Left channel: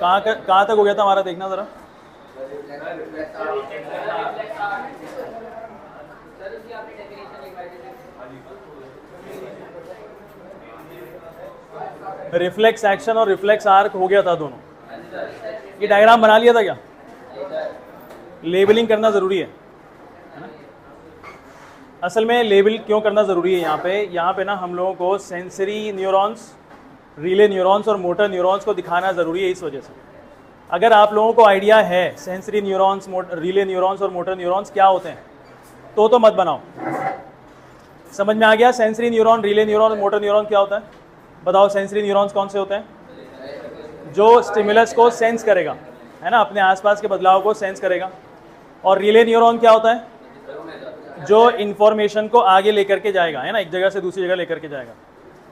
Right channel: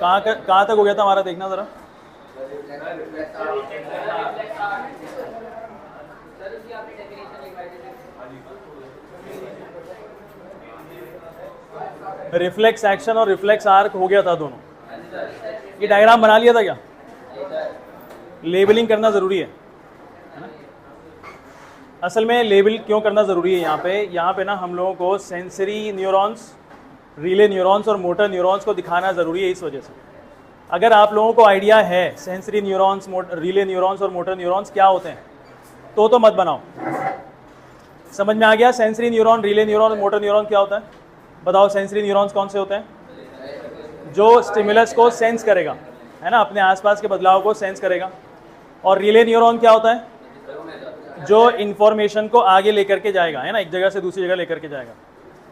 कहाँ तक हो गया था हमारा, देखना ज़रा। रिफ्लेक्स एक्शन और रिफ्लेक्स आर्क हो गया था दोनों। ये डायग्राम बना लिया था क्या? लेबलिंग करना ज़रूरी है ना? असल में लेबल क्यों करना ज़रूरी है यहाँ पे ना हम लोगों को सेंसरी न्यूरॉन्स, रिले न्यूरॉन्स और मोटर न्यूरॉन्स को दिखाना ज़रूरी है। इस वजह से अगर आप लोगों को आइडिया है सेंसरी न्यूरॉन्स, रिले न्यूरॉन्स और मोटर न्यूरॉन्स क्या होते हैं तो मत बनाओ। समझ में आ गया? सेंसरी न्यूरॉन, रिले न्यूरॉन और मोटर न्यूरॉन क्या होता है? बताओ। सेंसरी न्यूरॉन्स कौन से होते हैं? जो स्टिमुलस को सेंस करेगा, है ना, अपने आसपास के बदलाव को सेंस करेगा। और रिले न्यूरॉन क्या होता है? जो इंफॉर्मेशन को आगे लेकर के जाएगा, है ना, एक जगह से दूसरी जगह लेकर के जाएगा।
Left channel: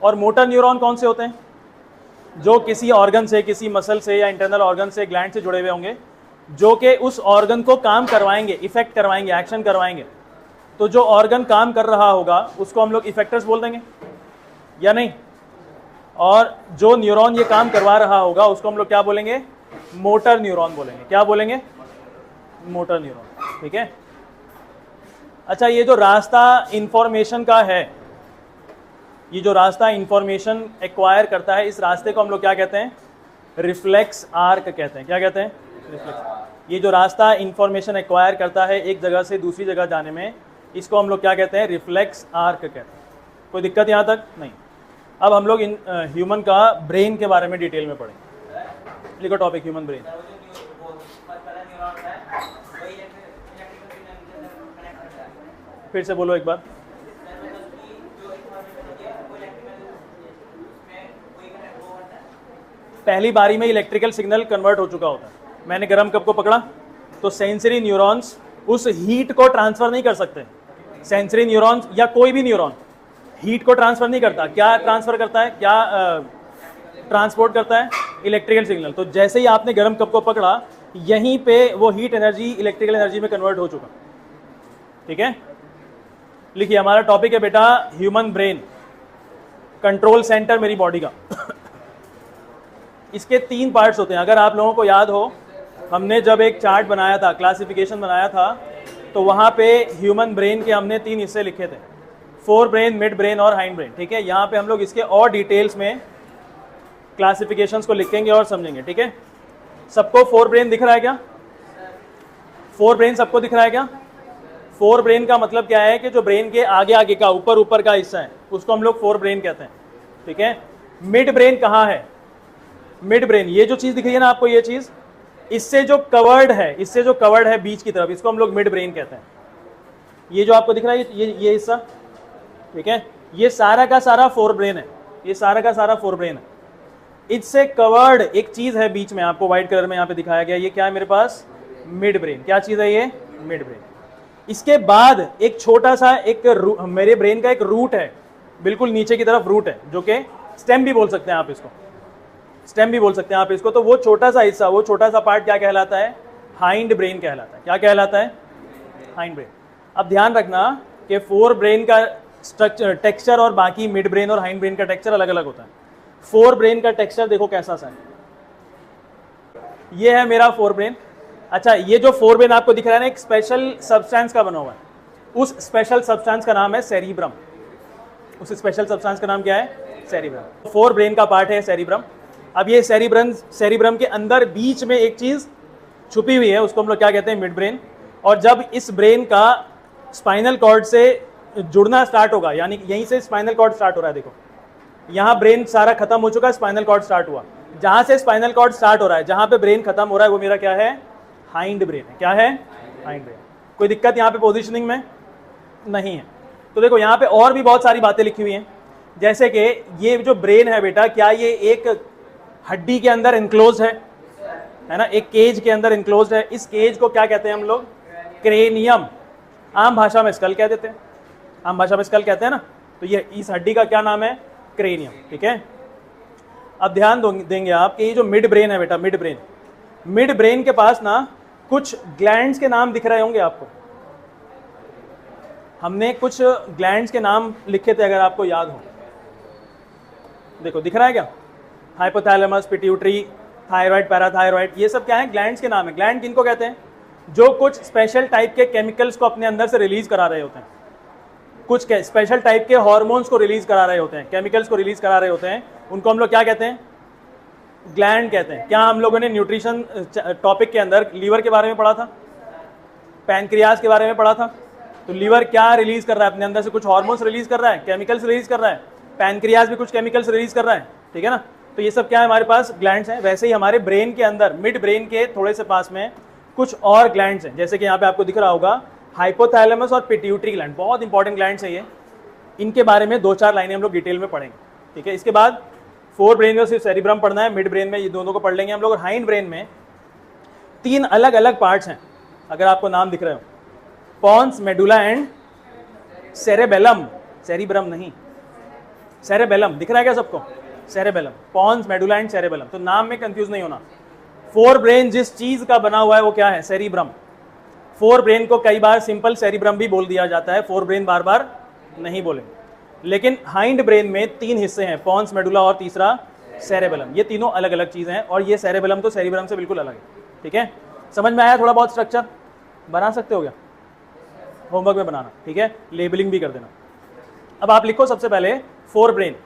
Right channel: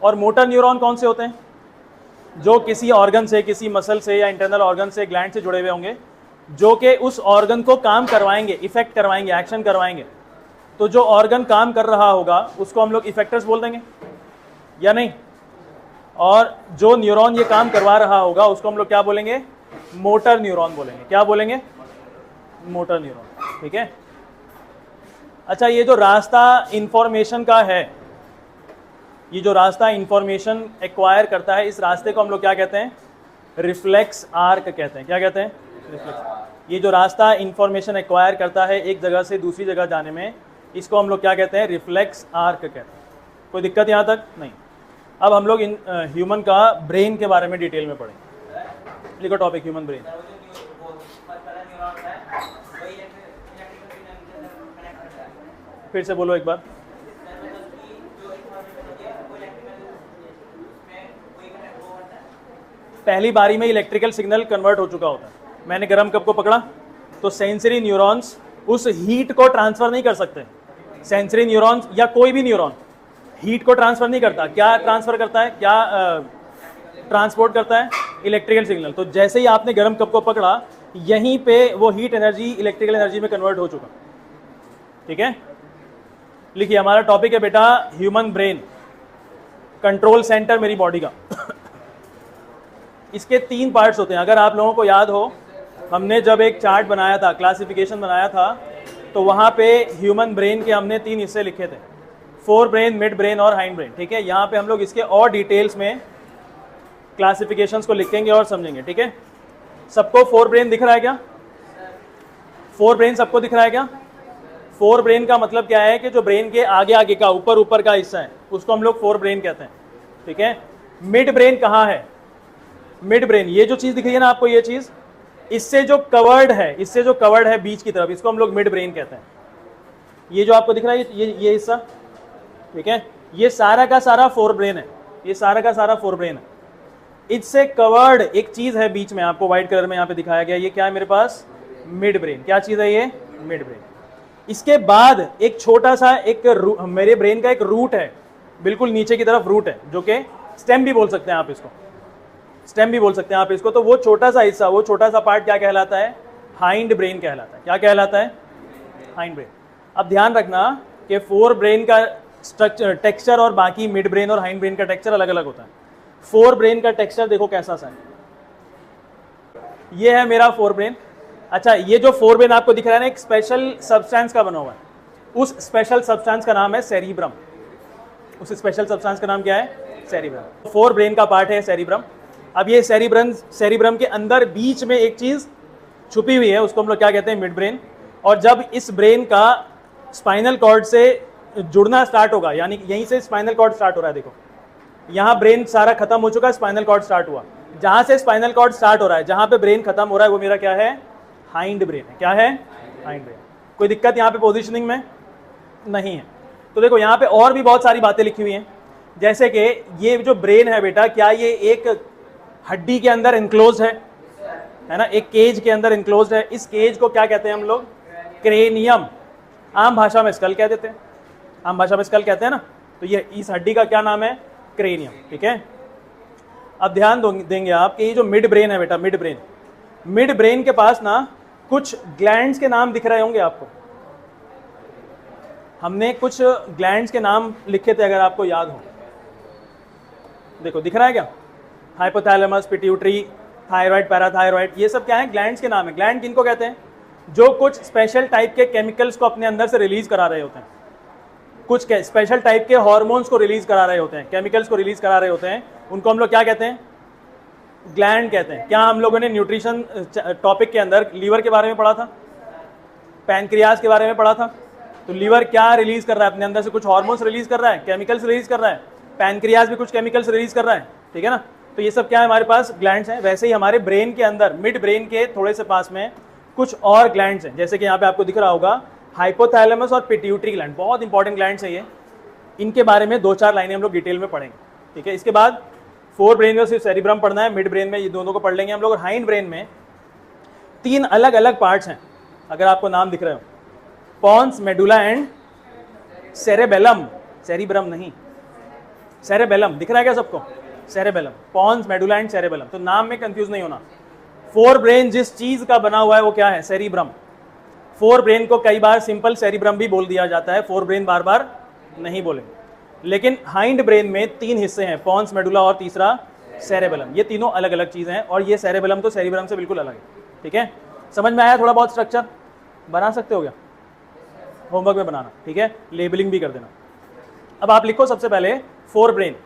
और मोटर न्यूरॉन कौन से होते हैं? जो किसी ऑर्गन से, किसी मसल से या इंटरनल ऑर्गन से, ग्लैंड से जुड़े हुए होंगे, जो कि उस ऑर्गन को काम करवाएंगे, इफेक्ट करवाएंगे, एक्शन करवाएंगे। तो जो ऑर्गन काम कर रहा होगा उसको हम लोग इफेक्टर्स बोल देंगे या नहीं? और जो न्यूरॉन ये काम करवा रहा होगा उसको हम लोग क्या बोलेंगे? मोटर न्यूरॉन बोलेंगे। क्या बोलेंगे? Motor neuron. ठीक है। अच्छा, ये जो रास्ता इंफॉर्मेशन का है, ये जो रास्ता इंफॉर्मेशन एक्वायर करता है, इस रास्ते को हम लोग क्या कहते हैं? रिफ्लेक्स आर्क कहते हैं। क्या कहते हैं? रिफ्लेक्स। ये जो रास्ता इंफॉर्मेशन एक्वायर करता है एक जगह से दूसरी जगह जाने में, इसको हम लोग क्या कहते हैं? रिफ्लेक्स आर्क कहते हैं। कोई दिक्कत यहाँ तक नहीं? अब हम लोग ह्यूमन का ब्रेन के बारे में डिटेल में पढ़ेंगे। लिखो टॉपिक, ह्यूमन ब्रेन। फिर से बोलो एक बार। पहली बारी में इलेक्ट्रिकल सिग्नल कन्वर्ट हो चुका होता है। मैंने गर्म कप को पकड़ा तो सेंसरी न्यूरॉन्स उस हीट को ट्रांसफर नहीं कर सकते। सेंसरी न्यूरॉन्स या कोई भी न्यूरॉन हीट को ट्रांसफर नहीं करता। क्या ट्रांसफर करता है? क्या ट्रांसपोर्ट करता है? Electrical signal. तो जैसे ही आपने गर्म कप को पकड़ा, यहीं पे वो हीट एनर्जी इलेक्ट्रिकल एनर्जी में कन्वर्ट हो चुका। ठीक है। लिखिए, हमारा टॉपिक है बेटा ह्यूमन ब्रेन, कंट्रोल सेंटर मेरी बॉडी का। इसके 3 पार्ट्स होते हैं। अगर आप लोगों को याद हो, हमने जब एक चार्ट बनाया था, क्लासिफिकेशन बनाया था, तो वहां पे ह्यूमन ब्रेन के हमने 3 हिस्से लिखे थे, फोर ब्रेन, मिड ब्रेन और हाइंड ब्रेन। ठीक है। यहाँ पे हम लोग इसके और डिटेल्स में क्लासिफिकेशंस को लिखेंगे और समझेंगे। ठीक है। सबको फोर ब्रेन दिख रहा है क्या? फोर ब्रेन सबको दिख रहा है क्या? फोर ब्रेन का मतलब क्या है कि जो ब्रेन के आगे आगे का, ऊपर ऊपर का हिस्सा है, उसको हम लोग फोर ब्रेन कहते हैं। ठीक है। मिड ब्रेन कहाँ है? मिड ब्रेन, ये जो चीज दिख रही है ना आपको, ये चीज, इससे जो कवर्ड है बीच की तरफ, इसको हम लोग मिड ब्रेन कहते हैं। ये जो आपको दिख रहा है, ये हिस्सा, ठीक है, ये सारा का सारा फोर ब्रेन है। ये सारा का सारा फोर ब्रेन है। इससे कवर्ड एक चीज है बीच में, आपको व्हाइट कलर में यहाँ पे दिखाया गया। ये क्या है मेरे पास? Mid brain. क्या चीज है ये? Mid brain. इसके बाद एक छोटा सा मेरे ब्रेन का एक रूट है, बिल्कुल नीचे की तरफ रूट है, जो कि स्टेम भी बोल सकते हैं आप इसको, स्टेम भी बोल सकते हैं आप इसको। तो वो छोटा सा हिस्सा, वो छोटा सा पार्ट क्या कहलाता है? हाइंड ब्रेन कहलाता है। क्या कहलाता है? Hind brain. अब ध्यान रखना कि फोर ब्रेन का स्ट्रक्चर, टेक्सचर और बाकी मिड ब्रेन और हाइंड ब्रेन का टेक्सचर अलग अलग होता है। फोर ब्रेन का टेक्सचर देखो कैसा सा है। ये है मेरा फोर ब्रेन। अच्छा, ये जो फोर ब्रेन आपको दिख रहा है ना, एक स्पेशल सब्सटेंस का बना हुआ है। उस स्पेशल सब्सटेंस का नाम है सेरिब्रम। उस स्पेशल सब्सटेंस का नाम क्या है? सेरिब्रम। फोर ब्रेन का पार्ट है सेरिब्रम। अब ये सेरिब्रम के अंदर बीच में एक चीज छुपी हुई है, उसको हम लोग क्या कहते हैं? Mid brain. और जब इस ब्रेन का स्पाइनल कॉर्ड से जुड़ना स्टार्ट होगा, यानी यहीं से स्पाइनल कॉर्ड स्टार्ट हो रहा है, देखो यहाँ ब्रेन सारा खत्म हो चुका, स्पाइनल कॉर्ड स्टार्ट हुआ। जहां से स्पाइनल कॉर्ड स्टार्ट हो रहा है, जहां पे ब्रेन खत्म हो रहा है, वो मेरा क्या है? हाइंड ब्रेन है। क्या है? Hind brain. कोई दिक्कत यहाँ पे पोजिशनिंग में नहीं है। तो देखो यहाँ पे और भी बहुत सारी बातें लिखी हुई हैं, जैसे कि ये जो ब्रेन है बेटा, क्या ये एक हड्डी के अंदर इनक्लोज है ना, एक केज के अंदर इनक्लोज है। इस केज को क्या कहते हैं हम लोग? क्रेनियम। आम भाषा में स्कल कह देते हैं, आम भाषा में स्कल कहते हैं ना। तो ये इस हड्डी का क्या नाम है? क्रेनियम। ठीक है। अब ध्यान देंगे आप कि ये जो मिड ब्रेन है बेटा, मिड ब्रेन के पास ना कुछ ग्लैंड्स के नाम दिख रहे होंगे आपको। हमने कुछ ग्लैंड्स के नाम लिखे थे, अगर आपको याद हो। देखो दिख रहे हैं क्या? हाइपोथैलेमस, पिट्यूटरी, थायराइड, पैराथायराइड, ये सब क्या है? ग्लैंड्स के नाम है। ग्लैंड किनको कहते हैं? जो कुछ स्पेशल टाइप के केमिकल्स को अपने अंदर से रिलीज करा रहे होते हैं, कुछ के स्पेशल टाइप के हार्मोन्स को रिलीज करा रहे होते हैं, केमिकल्स को रिलीज करा रहे होते हैं, उनको हम लोग क्या कहते हैं? ग्लैंड कहते हैं। क्या हम लोगों ने न्यूट्रिशन टॉपिक के अंदर लीवर के बारे में पढ़ा था, पैनक्रियाज के बारे में पढ़ा था? तो लीवर क्या रिलीज कर रहा है अपने अंदर से? कुछ हार्मोन्स रिलीज कर रहा है, केमिकल्स रिलीज कर रहा है। पैनक्रियाज भी कुछ केमिकल्स रिलीज कर रहा है, ठीक है ना? तो ये सब क्या है? हमारे पास ग्लैंड्स हैं। वैसे ही हमारे ब्रेन के अंदर, मिड ब्रेन के थोड़े से पास में कुछ और ग्लैंड्स हैं, जैसे कि यहाँ पे आपको दिख रहा होगा हाइपोथैलेमस और पिट्यूटरी ग्लैंड। बहुत इंपॉर्टेंट ग्लैंड्स है ये। इनके बारे में 2-4 लाइनें हम लोग डिटेल में पढ़ेंगे, ठीक है? इसके बाद फोर ब्रेन में सिर्फ सेरिब्रम पढ़ना है, मिड ब्रेन में ये दोनों को पढ़ लेंगे हम लोग। और हाइंड ब्रेन में 3 अलग अलग पार्ट्स हैं, अगर आपको नाम दिख रहे हो, pons, medulla and cerebellum. Cerebrum नहीं, सेरेबेलम। दिख रहा है क्या सबको? Cerebellum, pons, medulla and cerebellum. तो नाम में कंफ्यूज नहीं होना। फोर ब्रेन जिस चीज का बना हुआ है वो क्या है? सेरिब्रम। फोर ब्रेन को कई बार सिंपल सेरिब्रम भी बोल दिया जाता है, फोर ब्रेन बार बार नहीं बोलेंगे। लेकिन हाइंड ब्रेन में 3 हिस्से हैं, पॉन्स, मेडुला और तीसरा सेरेबेलम। ये तीनों अलग अलग चीजें हैं, और ये सेरेबेलम तो सेरिब्रम से बिल्कुल अलग है, ठीक है? समझ में आया? थोड़ा बहुत स्ट्रक्चर बना सकते हो क्या? होमवर्क में बनाना, ठीक है? लेबलिंग भी कर देना। अब आप लिखो सबसे पहले फोर ब्रेन।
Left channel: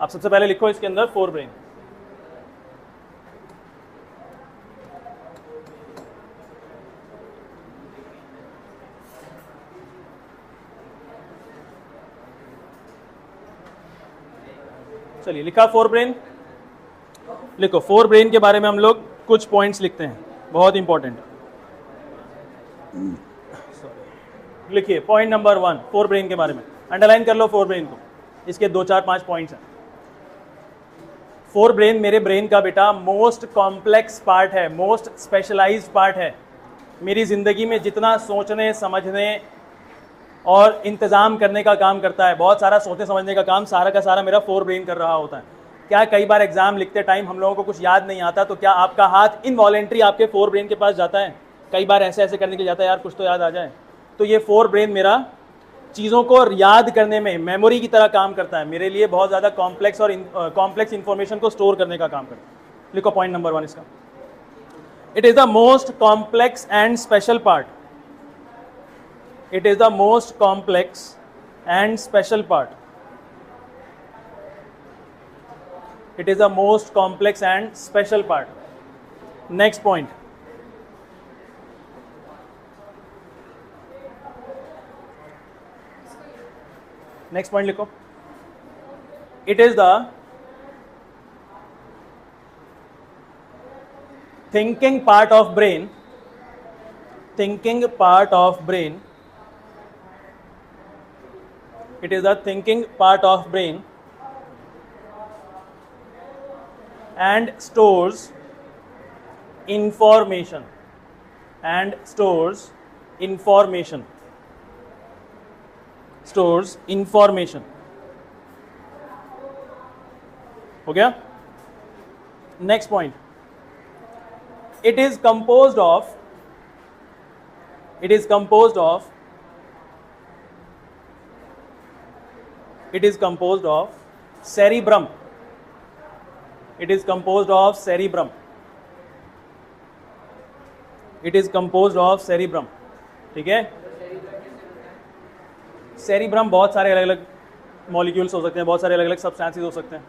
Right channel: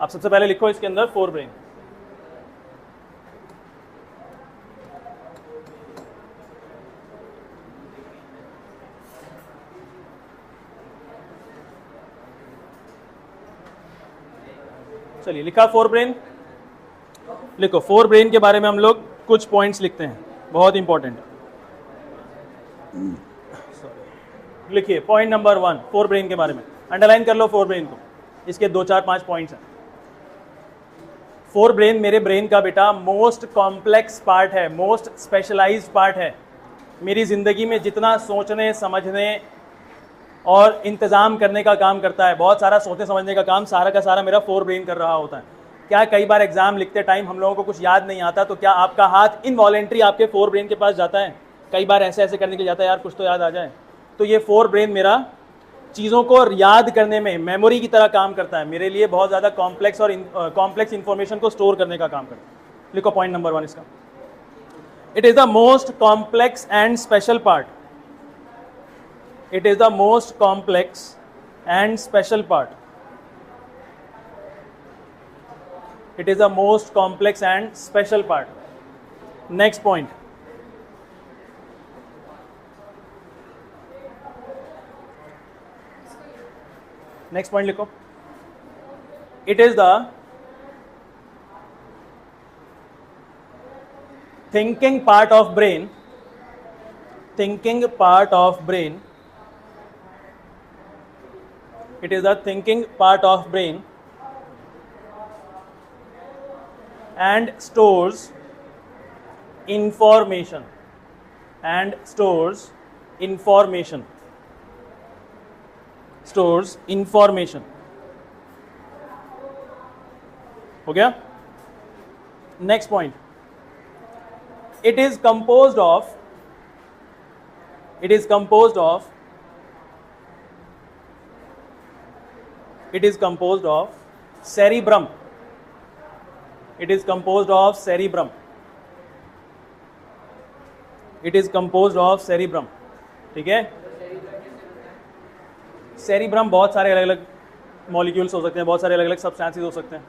आप सबसे पहले लिखो इसके अंदर फोर ब्रेन। चलिए, लिखा फोर ब्रेन? लिखो फोर ब्रेन के बारे में हम लोग कुछ पॉइंट्स लिखते हैं, बहुत इंपॉर्टेंट। लिखिए पॉइंट नंबर 1 फोर ब्रेन के बारे में, अंडरलाइन कर लो फोर ब्रेन को। इसके 2-4-5 पॉइंट्स हैं। फोर ब्रेन मेरे ब्रेन का बेटा मोस्ट कॉम्प्लेक्स पार्ट है, मोस्ट स्पेशलाइज्ड पार्ट है। मेरी जिंदगी में जितना सोचने, समझने और इंतजाम करने का काम करता है, बहुत सारा सोचने समझने का काम सारा का सारा मेरा फोर ब्रेन कर रहा होता है। क्या कई बार एग्जाम लिखते टाइम हम लोगों को कुछ याद नहीं आता, तो क्या आपका हाथ इनवॉलेंट्री आपके फोर ब्रेन के पास जाता है? कई बार ऐसे ऐसे करने के जाता है, यार कुछ तो याद आ जाए। तो ये फोर ब्रेन मेरा चीज़ों को याद करने में मेमोरी की तरह काम करता है, मेरे लिए बहुत ज़्यादा कॉम्प्लेक्स और कॉम्प्लेक्स इंफॉर्मेशन को स्टोर करने का काम करता है। लिखो पॉइंट नंबर 1 इसका। It is the most complex and special part. It is the most complex and special part. It is the most complex and special part. Next point, next point लिखो। It is the thinking part of brain. Thinking part of brain. It is the thinking part of brain and stores information and stores information stores information। हो गया? Next point, it is composed of it is composed of it is composed of cerebrum। It is composed of cerebrum। It is composed of cerebrum, ठीक है? Cerebrum बहुत सारे अलग अलग molecules हो सकते हैं, बहुत सारे अलग अलग सब्सटेंसेस हो सकते हैं।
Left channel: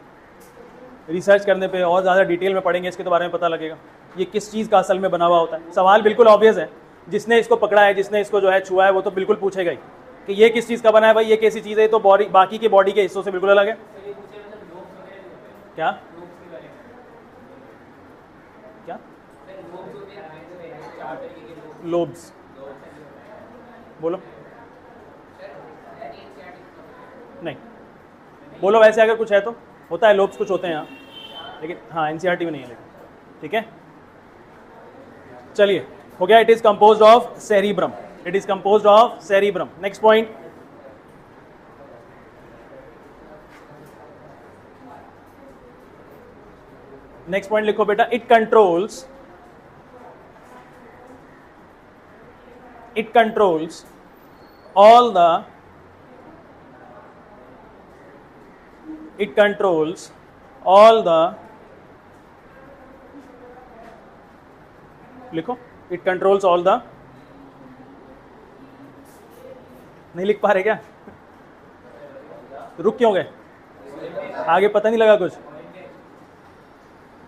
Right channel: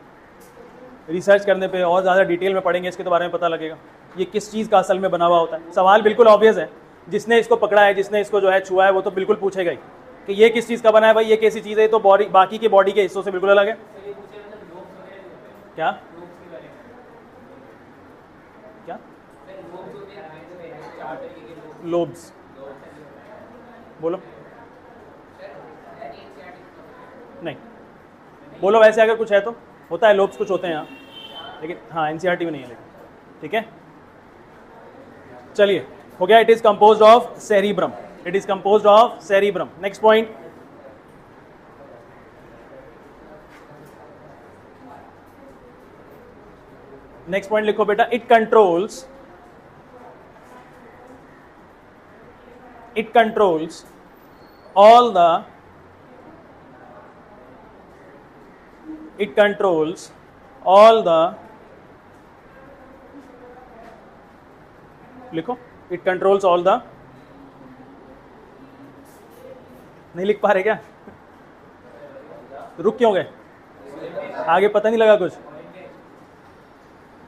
रिसर्च करने पे और ज़्यादा डिटेल में पढ़ेंगे इसके तो बारे में पता लगेगा ये किस चीज़ का असल में बना हुआ होता है। सवाल बिल्कुल ऑब्वियस है, जिसने इसको पकड़ा है, जिसने इसको जो है छुआ है, वो तो बिल्कुल पूछेगा ही कि ये किस चीज़ का बना है भाई, ये कैसी चीज़ है, तो बॉडी बाकी के बॉडी के हिस्सों से बिल्कुल अलग है। क्या लोब्स? बोलो, नहीं बोलो। वैसे अगर कुछ है तो होता है, लोब्स कुछ होते हैं यहाँ, लेकिन हाँ एनसीईआरटी में नहीं है, ठीक है? चलिए, हो गया। It is composed of cerebrum. It is composed of cerebrum. Next point, next point लिखो बेटा। It controls all the it controls all the, लिखो, इट कंट्रोल्स ऑल द, नहीं लिख पा रहे क्या? रुक क्यों गए? आगे पता नहीं लगा कुछ?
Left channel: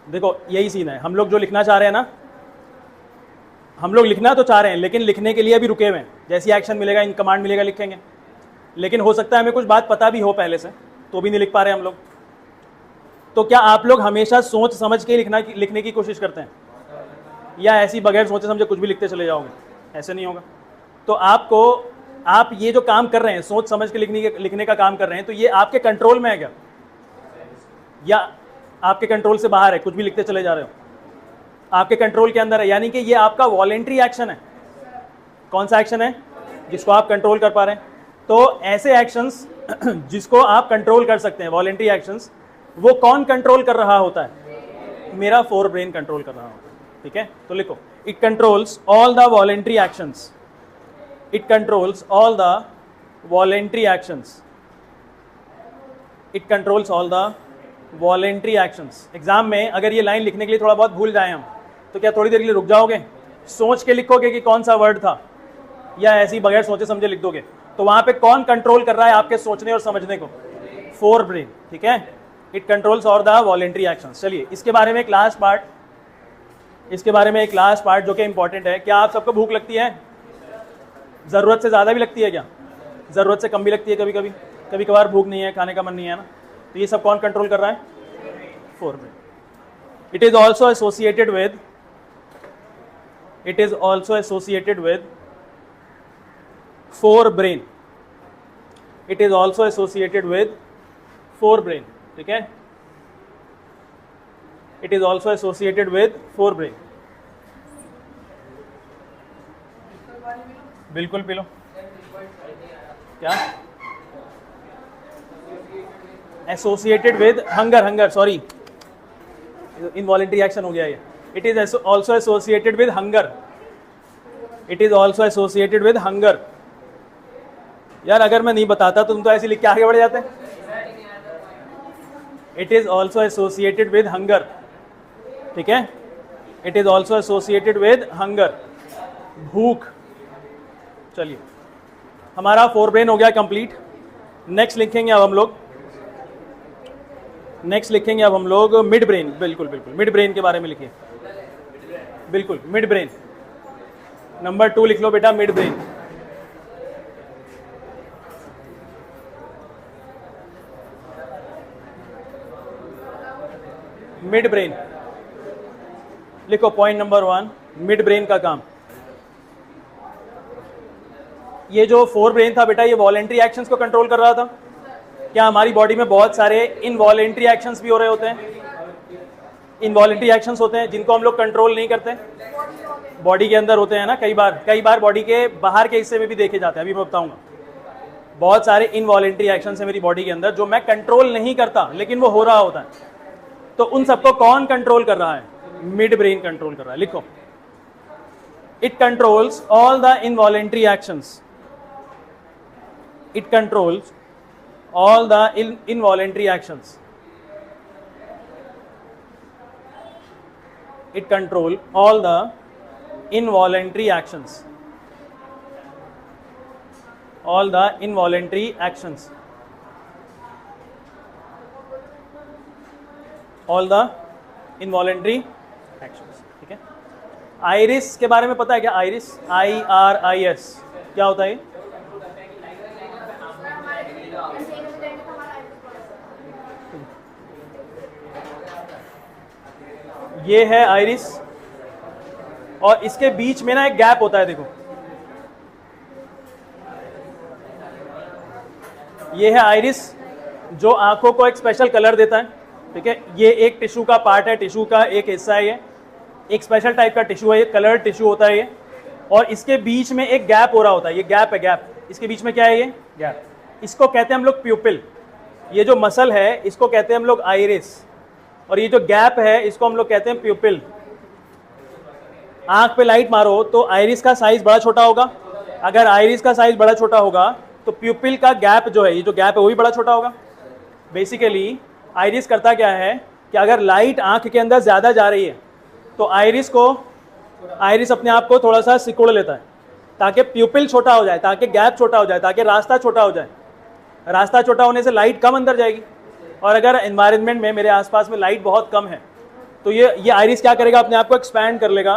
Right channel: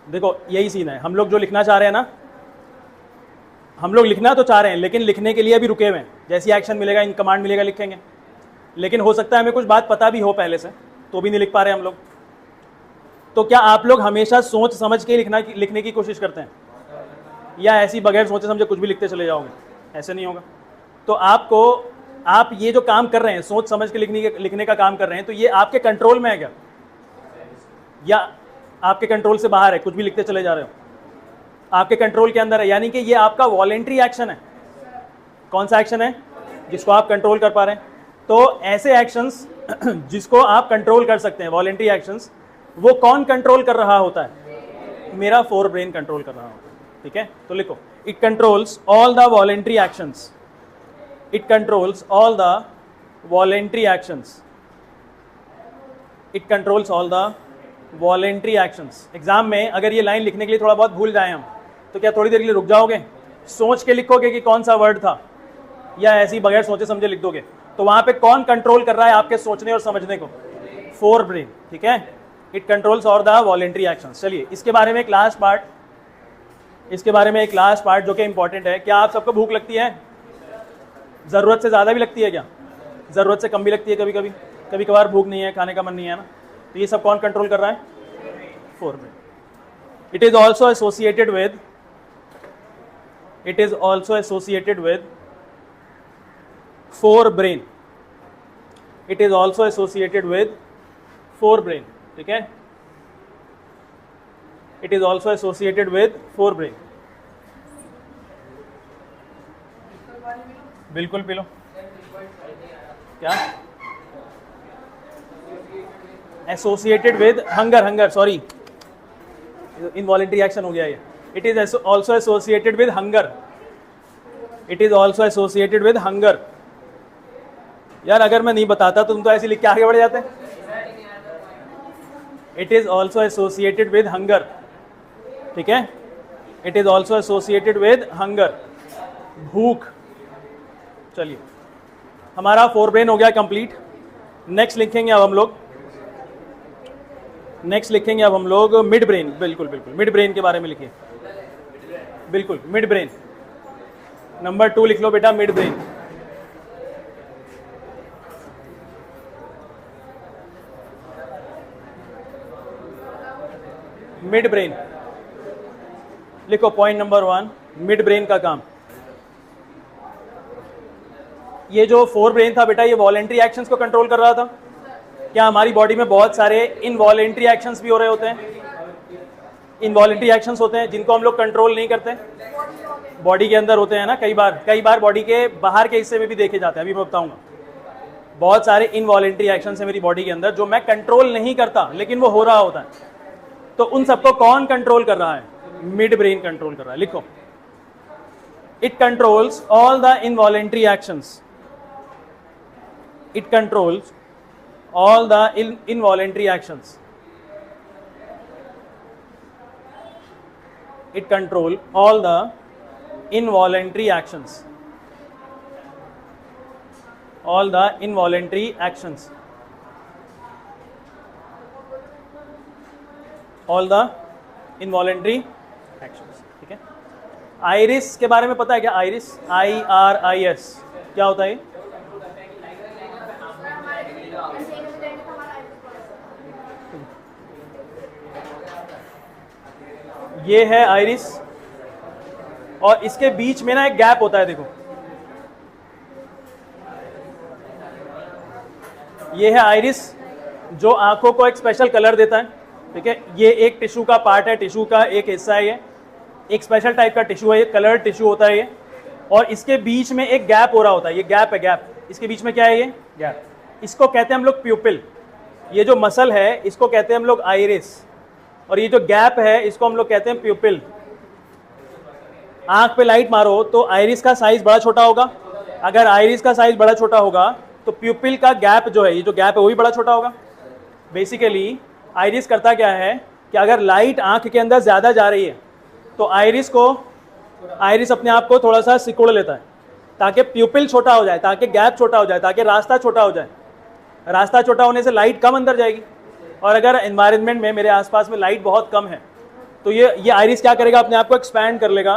देखो यही सीन है, हम लोग जो लिखना चाह रहे हैं ना, हम लोग लिखना तो चाह रहे हैं लेकिन लिखने के लिए भी रुके हुए हैं। जैसे एक्शन मिलेगा, इन कमांड मिलेगा, लिखेंगे। लेकिन हो सकता है हमें कुछ बात पता भी हो पहले से, तो भी नहीं लिख पा रहे हम लोग। तो क्या आप लोग हमेशा सोच समझ के लिखने की कोशिश करते हैं, या ऐसी बगैर सोचे समझे कुछ भी लिखते चले जाओ? ऐसे नहीं होगा। तो आप ये जो काम कर रहे हैं, सोच समझ के लिखने का काम कर रहे हैं, तो ये आपके कंट्रोल में है क्या, या आपके कंट्रोल से बाहर है, कुछ भी लिखते चले जा रहे हो? आपके कंट्रोल के अंदर है, यानी कि ये आपका वॉलेंट्री एक्शन है। कौन सा एक्शन है? जिसको आप कंट्रोल कर पा रहे हैं। तो ऐसे एक्शंस जिसको आप कंट्रोल कर सकते हैं, वॉलेंट्री एक्शंस, वो कौन कंट्रोल कर रहा होता है? मेरा फोर ब्रेन कंट्रोल कर रहा होता है। ठीक है, तो लिखो, it controls all the voluntary actions, it controls all the voluntary actions, it controls all the voluntary actions. Exam में अगर ये लाइन लिखने के लिए थोड़ा बहुत भूल जाए हम, तो क्या थोड़ी देर के लिए रुक जाओगे, सोच के लिखोगे कि कौन सा वर्ड था, या ऐसे ही बगैर सोचे समझे लिख दोगे? तो वहां पे कौन कंट्रोल कर रहा है आपके सोचने और समझने को? Fore brain. ठीक है, it controls all the voluntary actions. चलिए इसके बारे में एक लास्ट पार्ट जो कि इंपॉर्टेंट है। क्या आप सबको भूख लगती है? जरूरत से ज्यादा भी लगती है क्या? जरूरत से कम भी लगती है कभी कभी? कभी कभार भूख नहीं है, खाने का मन नहीं है ना, तो ये सब कौन कंट्रोल कर रहा है? Fore brain. It is also associated with fore brain. It is also associated with fore brain. ठीक है, it is also associated with fore brain. बिल्कुल पी लो। क्या? Associated with hunger, sorry, involuntary action हो गया ये। It is also associated with hunger, it is also associated with hunger. यार अगर मैं नहीं बताता तो तुम तो ऐसे लिख के आगे बढ़ जाते। It is also associated with hunger. ठीक है, it is also associated with hunger, भूख। चलिए हमारा फोर ब्रेन हो गया कंप्लीट। नेक्स्ट लिखेंगे अब हम लोग मिड ब्रेन। बिल्कुल मिड ब्रेन के बारे में लिखिए। बिल्कुल मिड ब्रेन, नंबर 2 लिख लो बेटा, मिड ब्रेन। मिड ब्रेन लिखो, पॉइंट नंबर 1, मिड ब्रेन का काम। ये जो फोर ब्रेन था बेटा, ये वॉलेंट्री एक्शंस को कंट्रोल कर रहा था। क्या हमारी बॉडी में बहुत सारे इनवॉलेंट्री एक्शंस भी हो रहे होते हैं? इनवॉलेंट्री एक्शंस होते हैं जिनको हम लोग कंट्रोल नहीं करते, बॉडी के अंदर होते हैं ना। कई बार बॉडी के बाहर के हिस्से में भी देखे जाते हैं, अभी मैं बताऊंगा। बहुत सारे इनवॉलेंट्री एक्शंस है मेरी बॉडी के अंदर जो मैं कंट्रोल नहीं करता, लेकिन वो हो रहा होता है। तो उन सबको कौन कंट्रोल कर रहा है? मिड ब्रेन कंट्रोल कर रहा है। लिखो, it controls all the involuntary actions, it controls all the involuntary actions, it control all the involuntary actions, all the involuntary actions, all the involuntary actions। ठीक है, आइरिस के बारे में पता है क्या? आइरिस, IRIS क्या होता है? ये है आइरिस, और इसके बीच में ना एक गैप होता है। देखो, ये है आइरिस जो आंखों को एक स्पेशल कलर देता है। ठीक है, ये एक टिश्यू का पार्ट है, टिश्यू का एक हिस्सा है, ये एक स्पेशल टाइप का टिश्यू है, ये कलर टिश्यू होता है ये। और इसके बीच में एक गैप हो रहा होता है, ये गैप है, गैप। इसके बीच में क्या है? ये गैप। इसको कहते हैं हम लोग प्यूपिल। ये जो मसल है इसको कहते हैं हम लोग आइरिस, और ये जो गैप है इसको हम लोग कहते हैं प्यूपिल। आंख पे लाइट मारो तो आइरिस का साइज बड़ा छोटा होगा। अगर आइरिस का साइज बड़ा छोटा होगा तो प्यूपिल का गैप जो है, ये जो गैप है वो भी बड़ा छोटा होगा। बेसिकली आइरिस करता क्या है? कि अगर लाइट आंख के अंदर ज़्यादा जा रही है तो आइरिस अपने आप को थोड़ा सा सिकुड़ लेता है ताकि प्यूपिल छोटा हो जाए, ताकि गैप छोटा हो जाए, ताकि रास्ता छोटा हो जाए। रास्ता छोटा होने से लाइट कम अंदर जाएगी, और अगर एनवायरनमेंट में मेरे आसपास में लाइट बहुत कम है तो ये आइरिस क्या करेगा, अपने आप को एक्सपैंड कर लेगा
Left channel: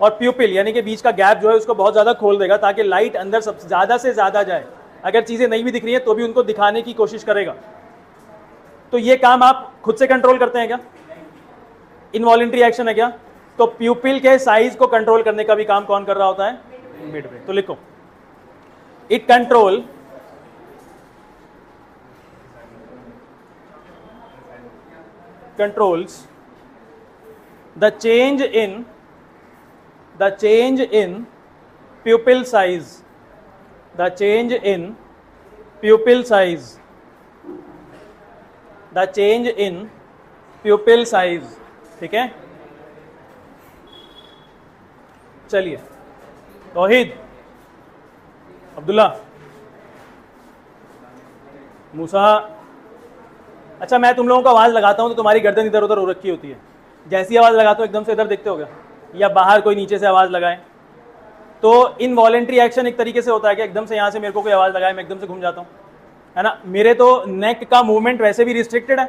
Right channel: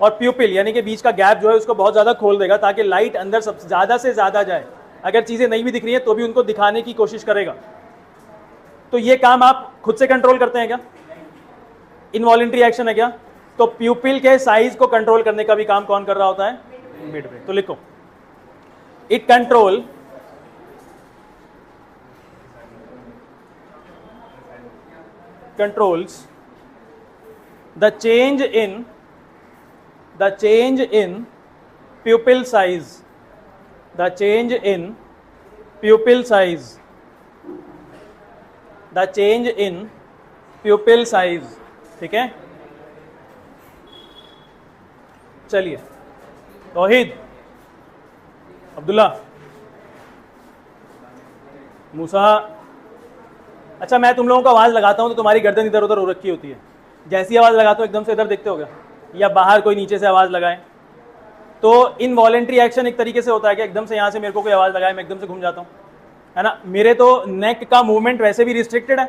और प्यूपिल यानी कि बीच का गैप जो है उसको बहुत ज़्यादा खोल देगा ताकि लाइट अंदर सब ज़्यादा से ज़्यादा जाए। अगर चीज़ें नहीं भी दिख रही हैं तो भी उनको दिखाने की कोशिश करेगा। तो ये काम आप खुद से कंट्रोल करते हैं क्या? इनवॉलंटरी एक्शन है क्या? तो प्यूपिल के साइज को कंट्रोल करने का भी काम कौन कर रहा होता है? Mid brain. तो लिखो, it controls the change in pupil size, the change in pupil size, the change in pupil size। ठीक है, चलिए तौहीद, अब्दुल्ला, मूसा। अच्छा, मैं तुम लोगों को आवाज़ लगाता हूँ तो तुम्हारी गर्दन इधर उधर हो रखी होती है। जैसी आवाज़ लगाता हूँ एकदम से इधर देखते हो क्या, या बाहर कोई नीचे से आवाज़ लगाए। तो इनवॉलंटरी एक्शन एक तरीके से होता है कि एकदम से यहाँ से मेरे को कोई आवाज़ लगाए, मैं एकदम से घूम जाता हूँ, है ना। मेरे तो नेक का मूवमेंट वैसे भी रिस्ट्रिक्टेड है।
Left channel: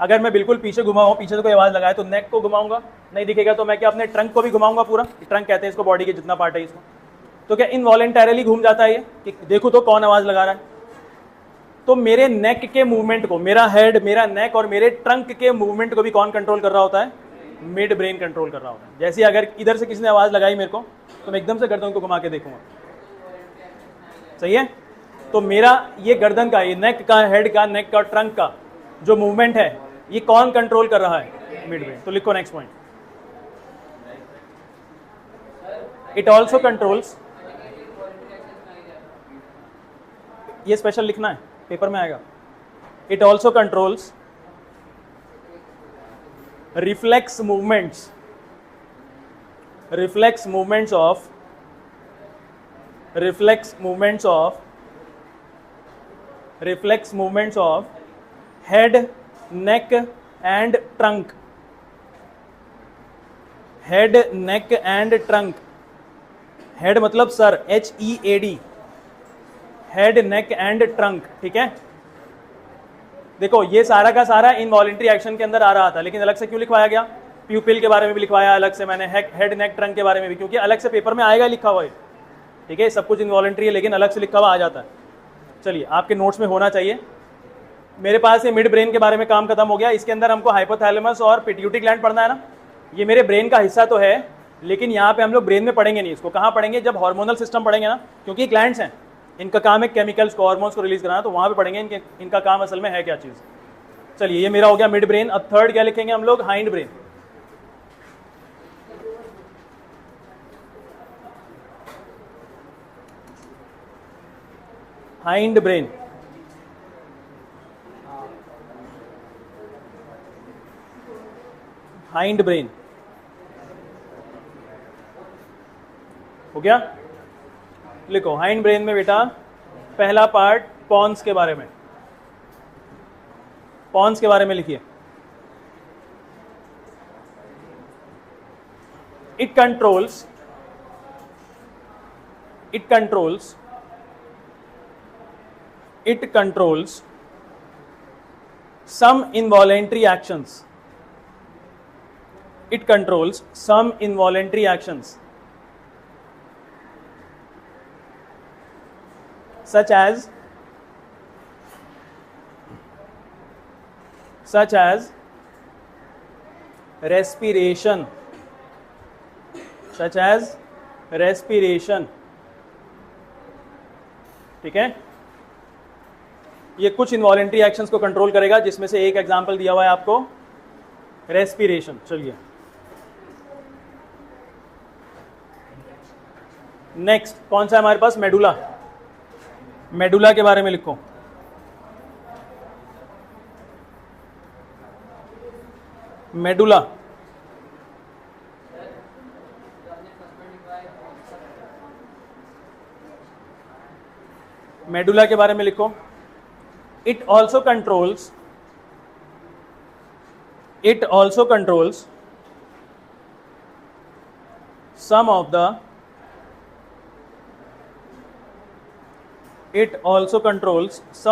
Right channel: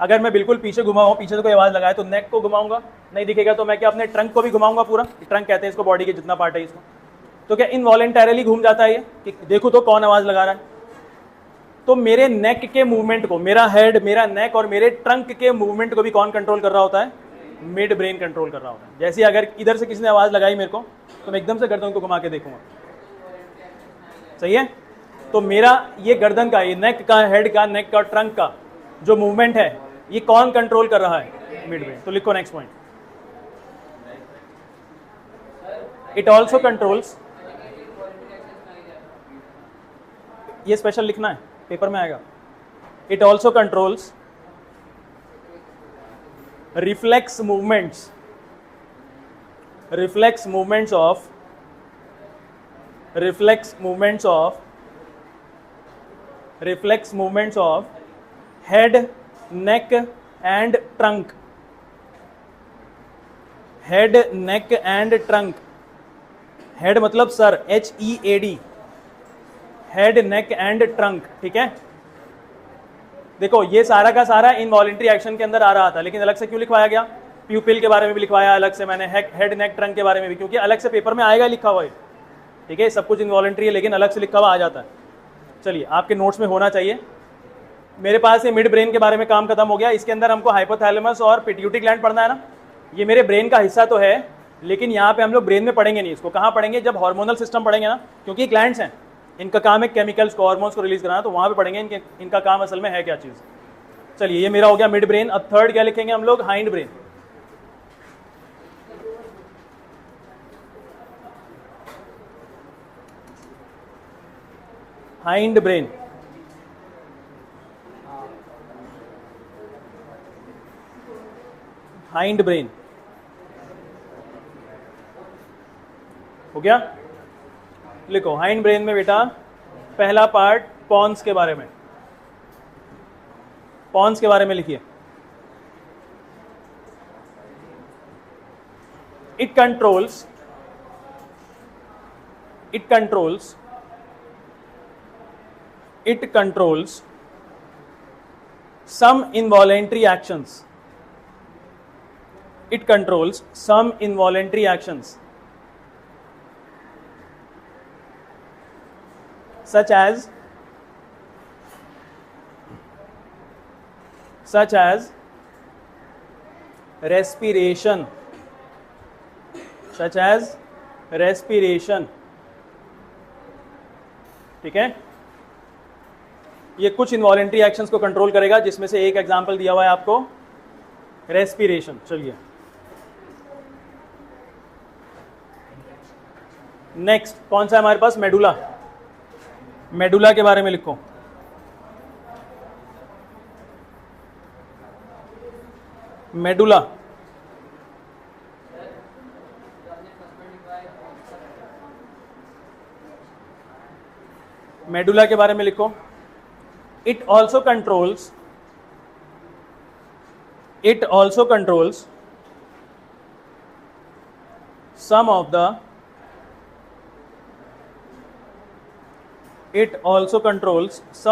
अगर मैं बिल्कुल पीछे घुमाऊँ, पीछे से कोई आवाज़ लगाए तो नेक को घुमाऊंगा, नहीं दिखेगा तो मैं क्या अपने ट्रंक को भी घुमाऊंगा पूरा। ट्रंक कहते हैं इसको, बॉडी के जितना पार्ट है इसको। तो क्या इनवॉलंटरली घूम जाता है ये? देखो तो कौन आवाज़ लगा रहा है। तो मेरे नेक के मूवमेंट को, मेरा हेड, मेरा नेक और मेरे ट्रंक के मूवमेंट को भी कौन कंट्रोल कर रहा होता है? मिड ब्रेन कंट्रोल कर रहा होता है। जैसे अगर इधर से किसी ने आवाज़ लगाई मेरे को तो मैं एकदम से गर्दन को घुमा के देखूंगा, सही है। तो मेरा ये गर्दन का, ये नेक का, हेड का, नेक का, ट्रंक का जो मूवमेंट है ये कौन कंट्रोल कर रहा है? Mid brain. तो लिखो next point, it also controls, ये स्पेशल लिखना है, पेपर में आएगा। It also controls reflex movements of head, neck and trunk, head, neck and trunk। head मतलब sir, HEAD, head, neck and trunk। ठीक है, देखो ये सारा का सारा इनवॉलंटरी एक्शन के अंदर आ रहा था, लेकिन अलग से क्यों लिखवाया गया? प्यूपिल के बारे में भी लिखवाया अलग से मैंने, हेड, नेक, ट्रंक के बारे में भी, क्योंकि अलग से पेपर में आएगा लिखा हुआ है। ठीक है, सब कुछ इनवॉलंटरी है लेकिन अलग से लिखा हुआ आ जाता है। चलिए, आपके नोट्स में होना चाहिए। मेरे पास ये मिड ब्रेन के बारे में काम खत्म हो गया। इसके अंदर हमको हाइपोथैलेमस और पिट्यूटरी ग्लैंड पढ़ना है ना। ये मेरे ब्रेन का हिस्सा तो है, लेकिन यहाँ पे हम लोग ब्रेन में पढ़ेंगे नहीं। इसको कहाँ पढ़ेंगे? जब हार्मोनल सिस्टम पढ़ेंगे ना, क्योंकि ग्लैंड्स हैं, इनका काम है केमिकल्स को, हार्मोन्स को रिलीज कराना, तो वहाँ पे पढ़ेंगे इनका काम असल में है क्या चीज़। चलिए, ये मेरा हो गया मिड ब्रेन। अब थर्ड क्या लिखेंगे हम लोग? Hind brain. Hind brain, hind brain हो गया। लिखो हाइंड ब्रेन में बेटा पहला पार्ट पॉन्स के बारे में, पॉन्स के बारे में लिखिए। It controls some involuntary actions. It controls some involuntary actions such as respiration, ठीक है। ये कुछ इनवॉलंटरी एक्शंस को कंट्रोल करेगा, जिसमें से एक एग्जांपल दिया हुआ है आपको, रेस्पिरेशन। चलिए नेक्स्ट कौन सा है हमारे पास? मेडुला। मेडुला के बारे में लिखो। मेडुला, मेडुला के बारे में लिखो। It also controls it also controls some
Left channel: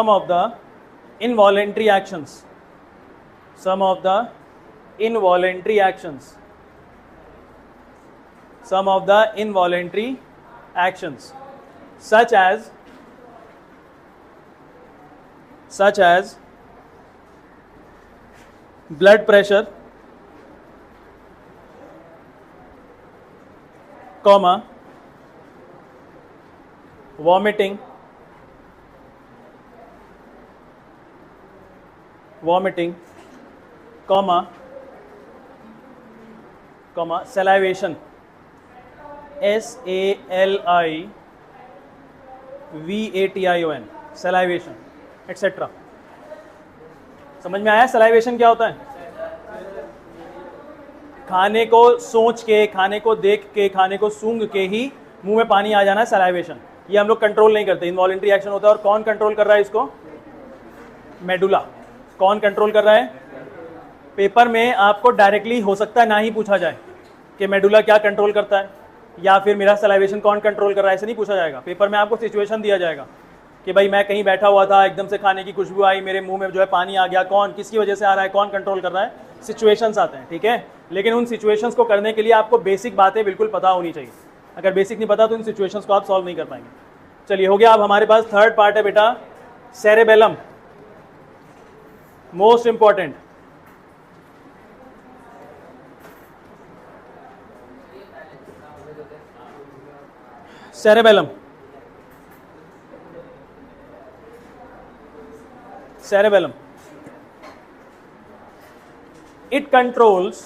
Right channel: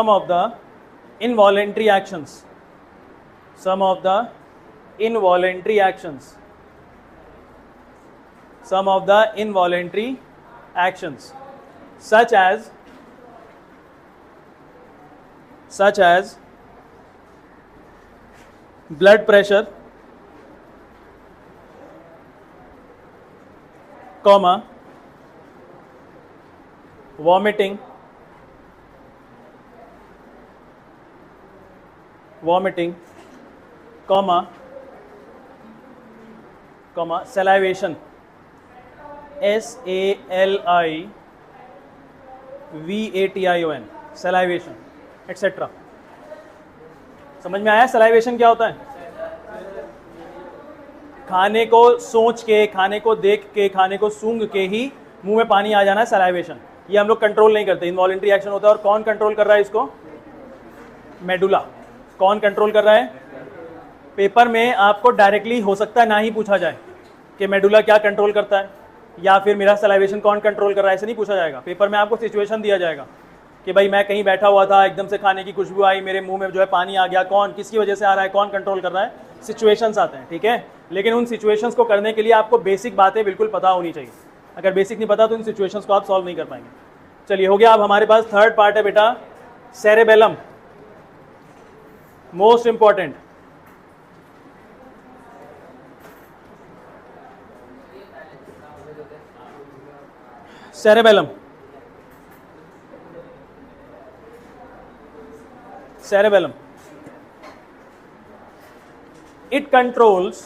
of the involuntary actions, some of the involuntary actions, such as blood pressure, comma, vomiting, comma, salivation, SALIVATION, salivation, etc. समझ में आया सलाइवेशन क्या होता है? खाने को सोच के, खाने को देख के, खाने को सूंघ के ही मुंह में पानी आ जाना सलाइवेशन। ये हम लोग कंट्रोल नहीं करते, इनवॉलंटरी एक्शन होता है। और कौन कंट्रोल कर रहा है इसको? मेडुला। कौन कंट्रोल कर रहा है? पेपर में आपको डायरेक्टली हो सकता है ना ही पूछा जाए कि मेडुला क्या कंट्रोल करता है या फिर मेरा सलाइवेशन कौन कंट्रोल कर रहा है, ऐसे नहीं पूछा जाएगा। पेपर में आपको सिचुएशन दिया जाएगा कि भाई मैं कहीं बैठा हुआ था, एकदम से खाने की खुशबू आई, मेरे मुंह में जो है पानी आ गया, कौन किसकी वजह से आ रहा है, कौन कंट्रोल कर रहा है, सिचुएशंस आते हैं, ठीक है। लेकिन उन सिचुएशंस को करने के लिए आपको बेसिक बातें बिल्कुल पता होनी चाहिए। अगर बेसिक नहीं पता तो उन सिचुएशंस को आप सॉल्व नहीं कर पाएंगे। चलिए हो गया। अब हमारे पास थर्ड पार्ट है बेटा, cerebellum, most important. cerebellum, it controls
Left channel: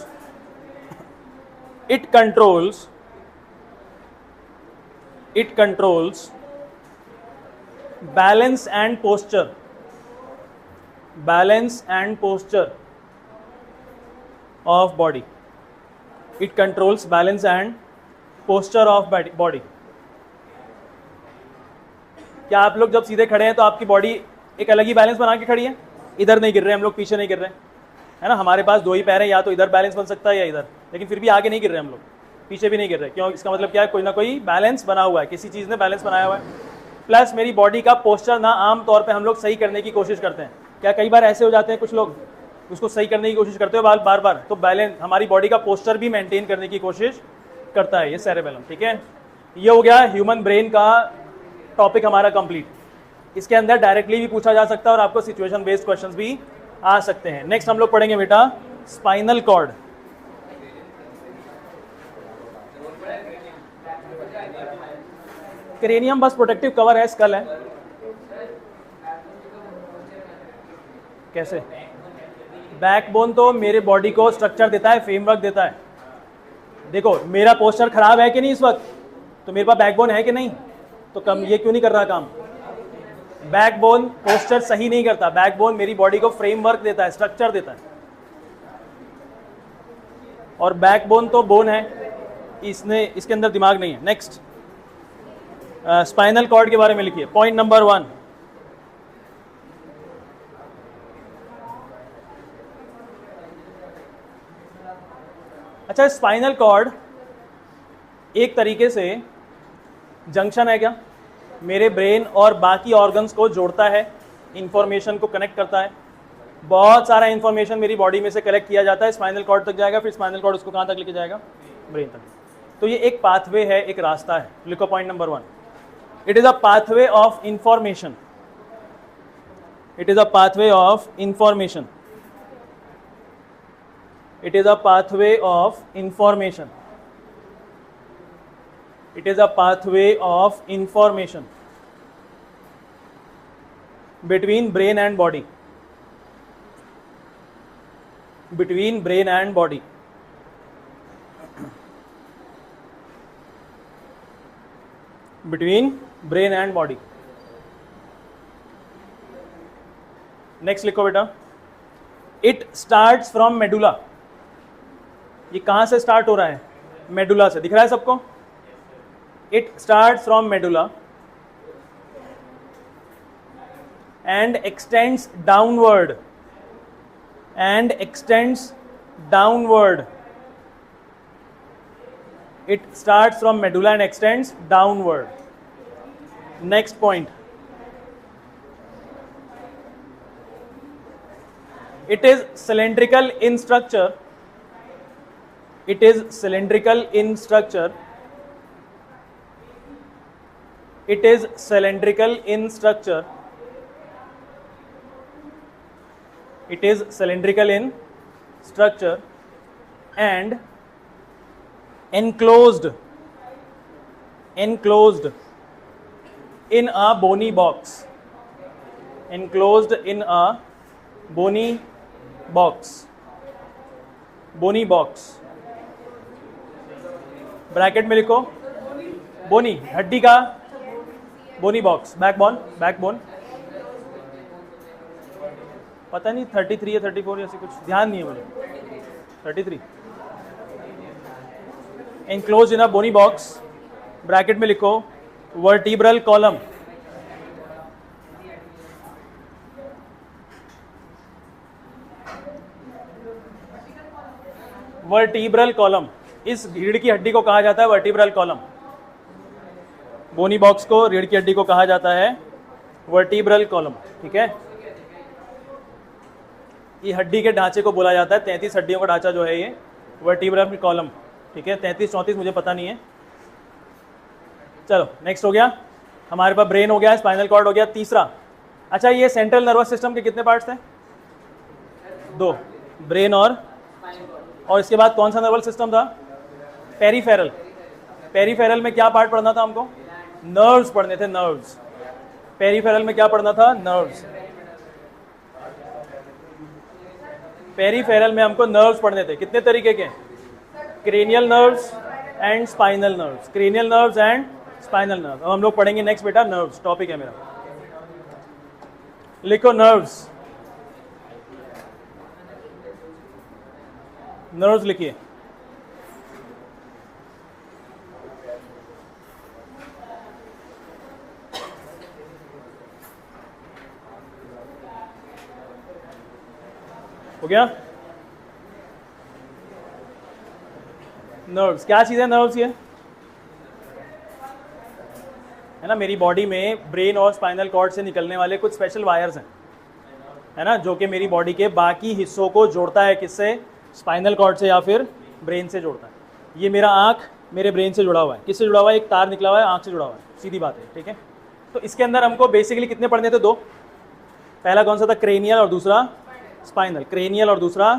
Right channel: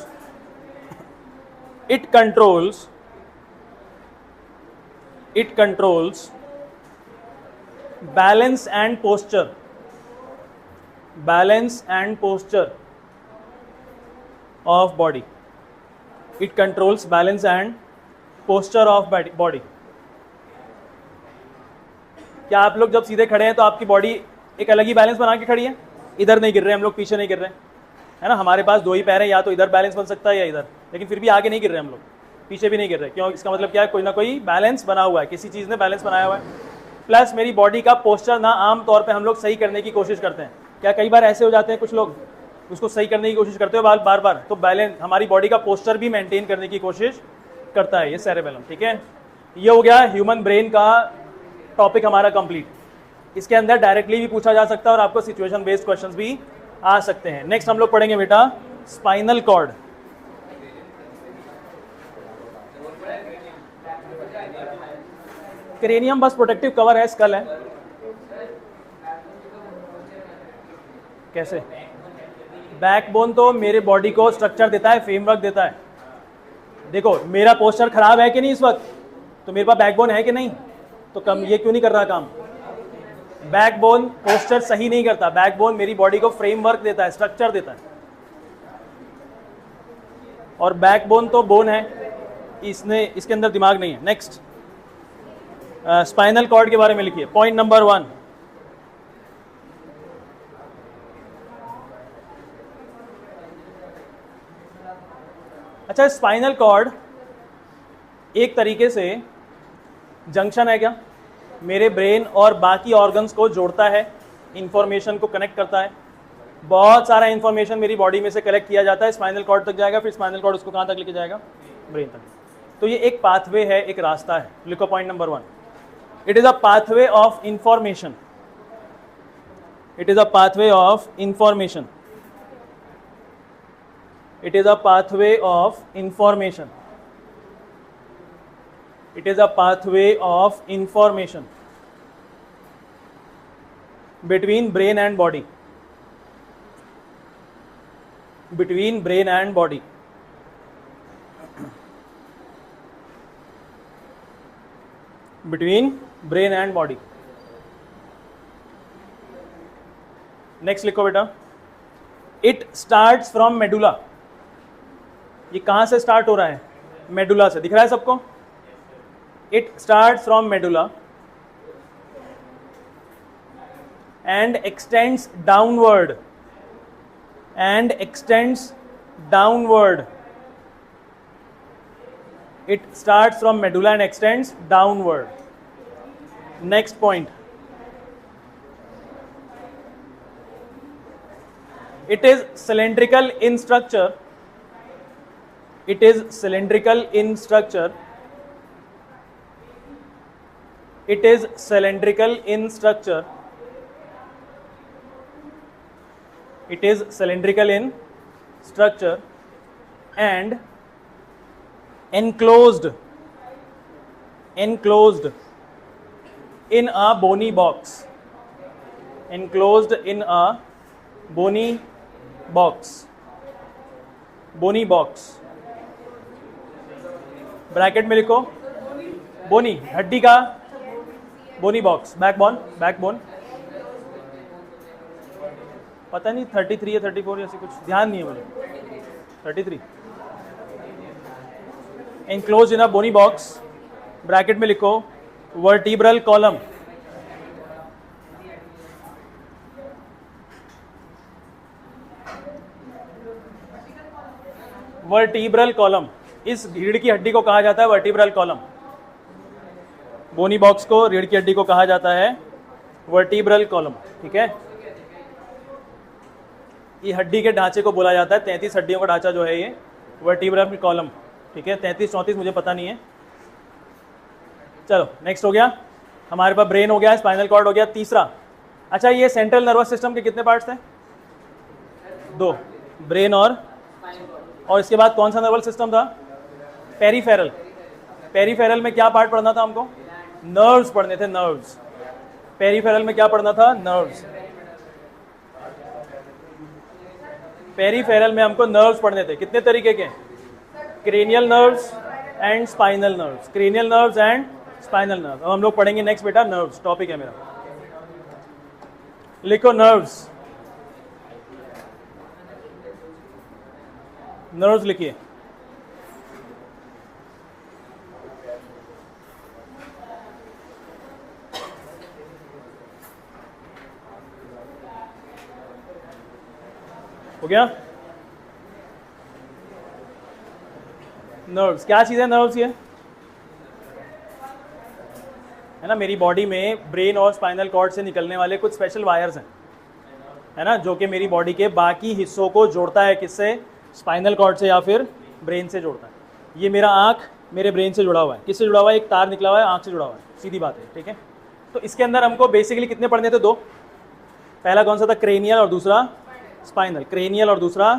balance and posture of body. It controls balance and posture of body. क्या आप लोग जब सीधे खड़े हैं तो आपकी बॉडी एक अलग ही बैलेंस बना के खड़ी है? इधर नहीं गिर रहे हम लोग, पीछे नहीं गिर रहे, है ना। हमारे पास दो ही पैर हैं, या तो इधर बैलेंस बन सकता है या इधर, लेकिन फिर भी आगे नहीं गिर रहे हम लोग, पीछे भी नहीं गिर रहे। क्यों? इसका मतलब क्या है? कोई ना कोई बैलेंस बना हुआ है, किसी चीज़ ने बैलेंस बनाया हुआ है। प्लस मेरी बॉडी का पोस्चर ना आम तौर पर हम लोग सही करने की कोशिश करते हैं। क्या कई बार ऐसे हो जाते हैं कुछ लोग उसको सही करने की कोशिश करते हो बार बार, तो बैलेंस हमारी बॉडी का पोस्चर भी मेंटेन करने की कोशिश करता है ये सेरेबेलम, ठीक है। ये हो गया ह्यूमन ब्रेन का टॉपिक हमारा कंप्लीट। इसके अंदर डायरेक्टली भी पूछा जा सकता है और आपको सिचुएशन बेस्ड क्वेश्चंस भी आ सकते हैं। नेक्स्ट हम लोग पढ़ेंगे बेटा स्पाइनल कॉर्ड। क्रेनियम बस प्रोटेक्टिव कवर है, स्कल है। कैसे? बैकबोन तो मेरे बॉडी को स्ट्रक्चर देता है, फ्रेमवर्क देता है। देखो मेरा पोस्चर खराब है कि नहीं इस वक्त, तो मेरे पास बैकबोन है कि नहीं, तो कम ये क्यों नहीं कर रहा काम? बैकबोन पोस्चर सही नहीं करता, बैकबोन मेरी बॉडी को फ्रेमवर्क देता है, स्ट्रक्चर देता है। और बैकबोन तो बोन है, इसके अंदर दिमाग नहीं है। नेक्स्ट स्पाइनल कॉर्ड के बारे में लिखिए, पॉइंट नंबर 1। अच्छा, स्पाइनल कॉर्ड एक तरीके से जंक्शन है क्या? मेरे ब्रेन और बाकी ऑर्गन्स को जोड़ता है, इंफॉर्मेशन को कनेक्ट करता है। बहुत सारा इंफॉर्मेशन मेरी बॉडी में से कलेक्ट किया जाता है, स्पाइनल कॉर्ड तक जाएगा, फिर स्पाइनल कॉर्ड उसको कहाँ तक लेके जाएगा? ब्रेन तक। तो ये एक पाथवे है, एक रास्ता है। लिखो point number 1, it is a pathway of information. It is a pathway of information. It is a pathway of information. It is a pathway of information between brain and body. Between brain and body. Between brain and body. Next लिखो बेटा, it starts from medulla. ये कहां से start हो रहा है? Medulla से। दिख रहा है सबको? It start from medulla and x tends downward downward. It starts from medulla and extends downward. Next point. It is cylindrical in structure. It is cylindrical in structure. It is cylindrical in structure. It is cylindrical in structure and enclosed in a bony box. Enclosed in a bony box. Bony box. Bracket में लिखो बोनी, हड्डी का बोनी box. Backbone पता नहीं 33 या 34 ऐसे कुछ ध्यान नहीं है मुझे. 33. Enclose in a bony box. Bracket में लिखो वर्टिब्रल कॉलम. Vertebral column. इस रीढ़ की हड्डी को कहा जाता है वर्टिब्रल कॉलम. बोनी बॉक्स को रीढ़ की हड्डी को कहा जाता है वर्टिब्रल कॉलम. ठीक है, ये हड्डी के ढांचे को बोला जाता है. 33 हड्डियों का ढांचा जो है ये वर्टिब्रल कॉलम. ठीक है, 33-34 मुझे पता नहीं है. चलो नेक्स्ट हो गया हमारे पास. ब्रेन हो गया, स्पाइनल कॉर्ड हो गया. तीसरा, अच्छा ये सेंट्रल नर्वस सिस्टम के कितने पार्ट्स थे? 2, ब्रेन और इसके बाद कौन सा नर्वस सिस्टम था? पेरीफेरल. पेरीफेरल में क्या पार्ट पढ़ना था हमको? नर्व्स पढ़ने थे. नर्व्स. पेरीफेरल में क्या पढ़ना था? नर्व्स. पेरीफेरल में हमको नर्व्स पढ़ने थे. कितने तरीके के? Cranial nerves and spinal nerves. Cranial nerves and spinal nerves. अब हम लोग पढ़ेंगे नेक्स्ट बेटा नर्व्स. टॉपिक है मेरा. लिखो नर्व्स. नर्व्स लिखिए. हो गया? नर्व्स क्या चीज़ है? नर्व्स ये है ना, मेरी बॉडी में ब्रेन और स्पाइनल कॉर्ड से निकलने वाले कुछ स्पेशल वायर्स हैं, है ना, जो कि मेरी बॉडी के बाकी हिस्सों को जोड़ता है. किससे? स्पाइनल कॉर्ड से या फिर ब्रेन से जोड़ता है. ये मेरा आँख मेरे ब्रेन से जुड़ा हुआ है. किससे जुड़ा हुआ है? एक तार निकला हुआ है, आँख से जुड़ा हुआ है. सीधी बात है. ठीक है, तो इसके अंदर हमको बेसिकली कितने पढ़ने थे? 2. पहला कौन सा था? क्रेनियल और दूसरा स्पाइनल. क्रेनियल और दूसरा.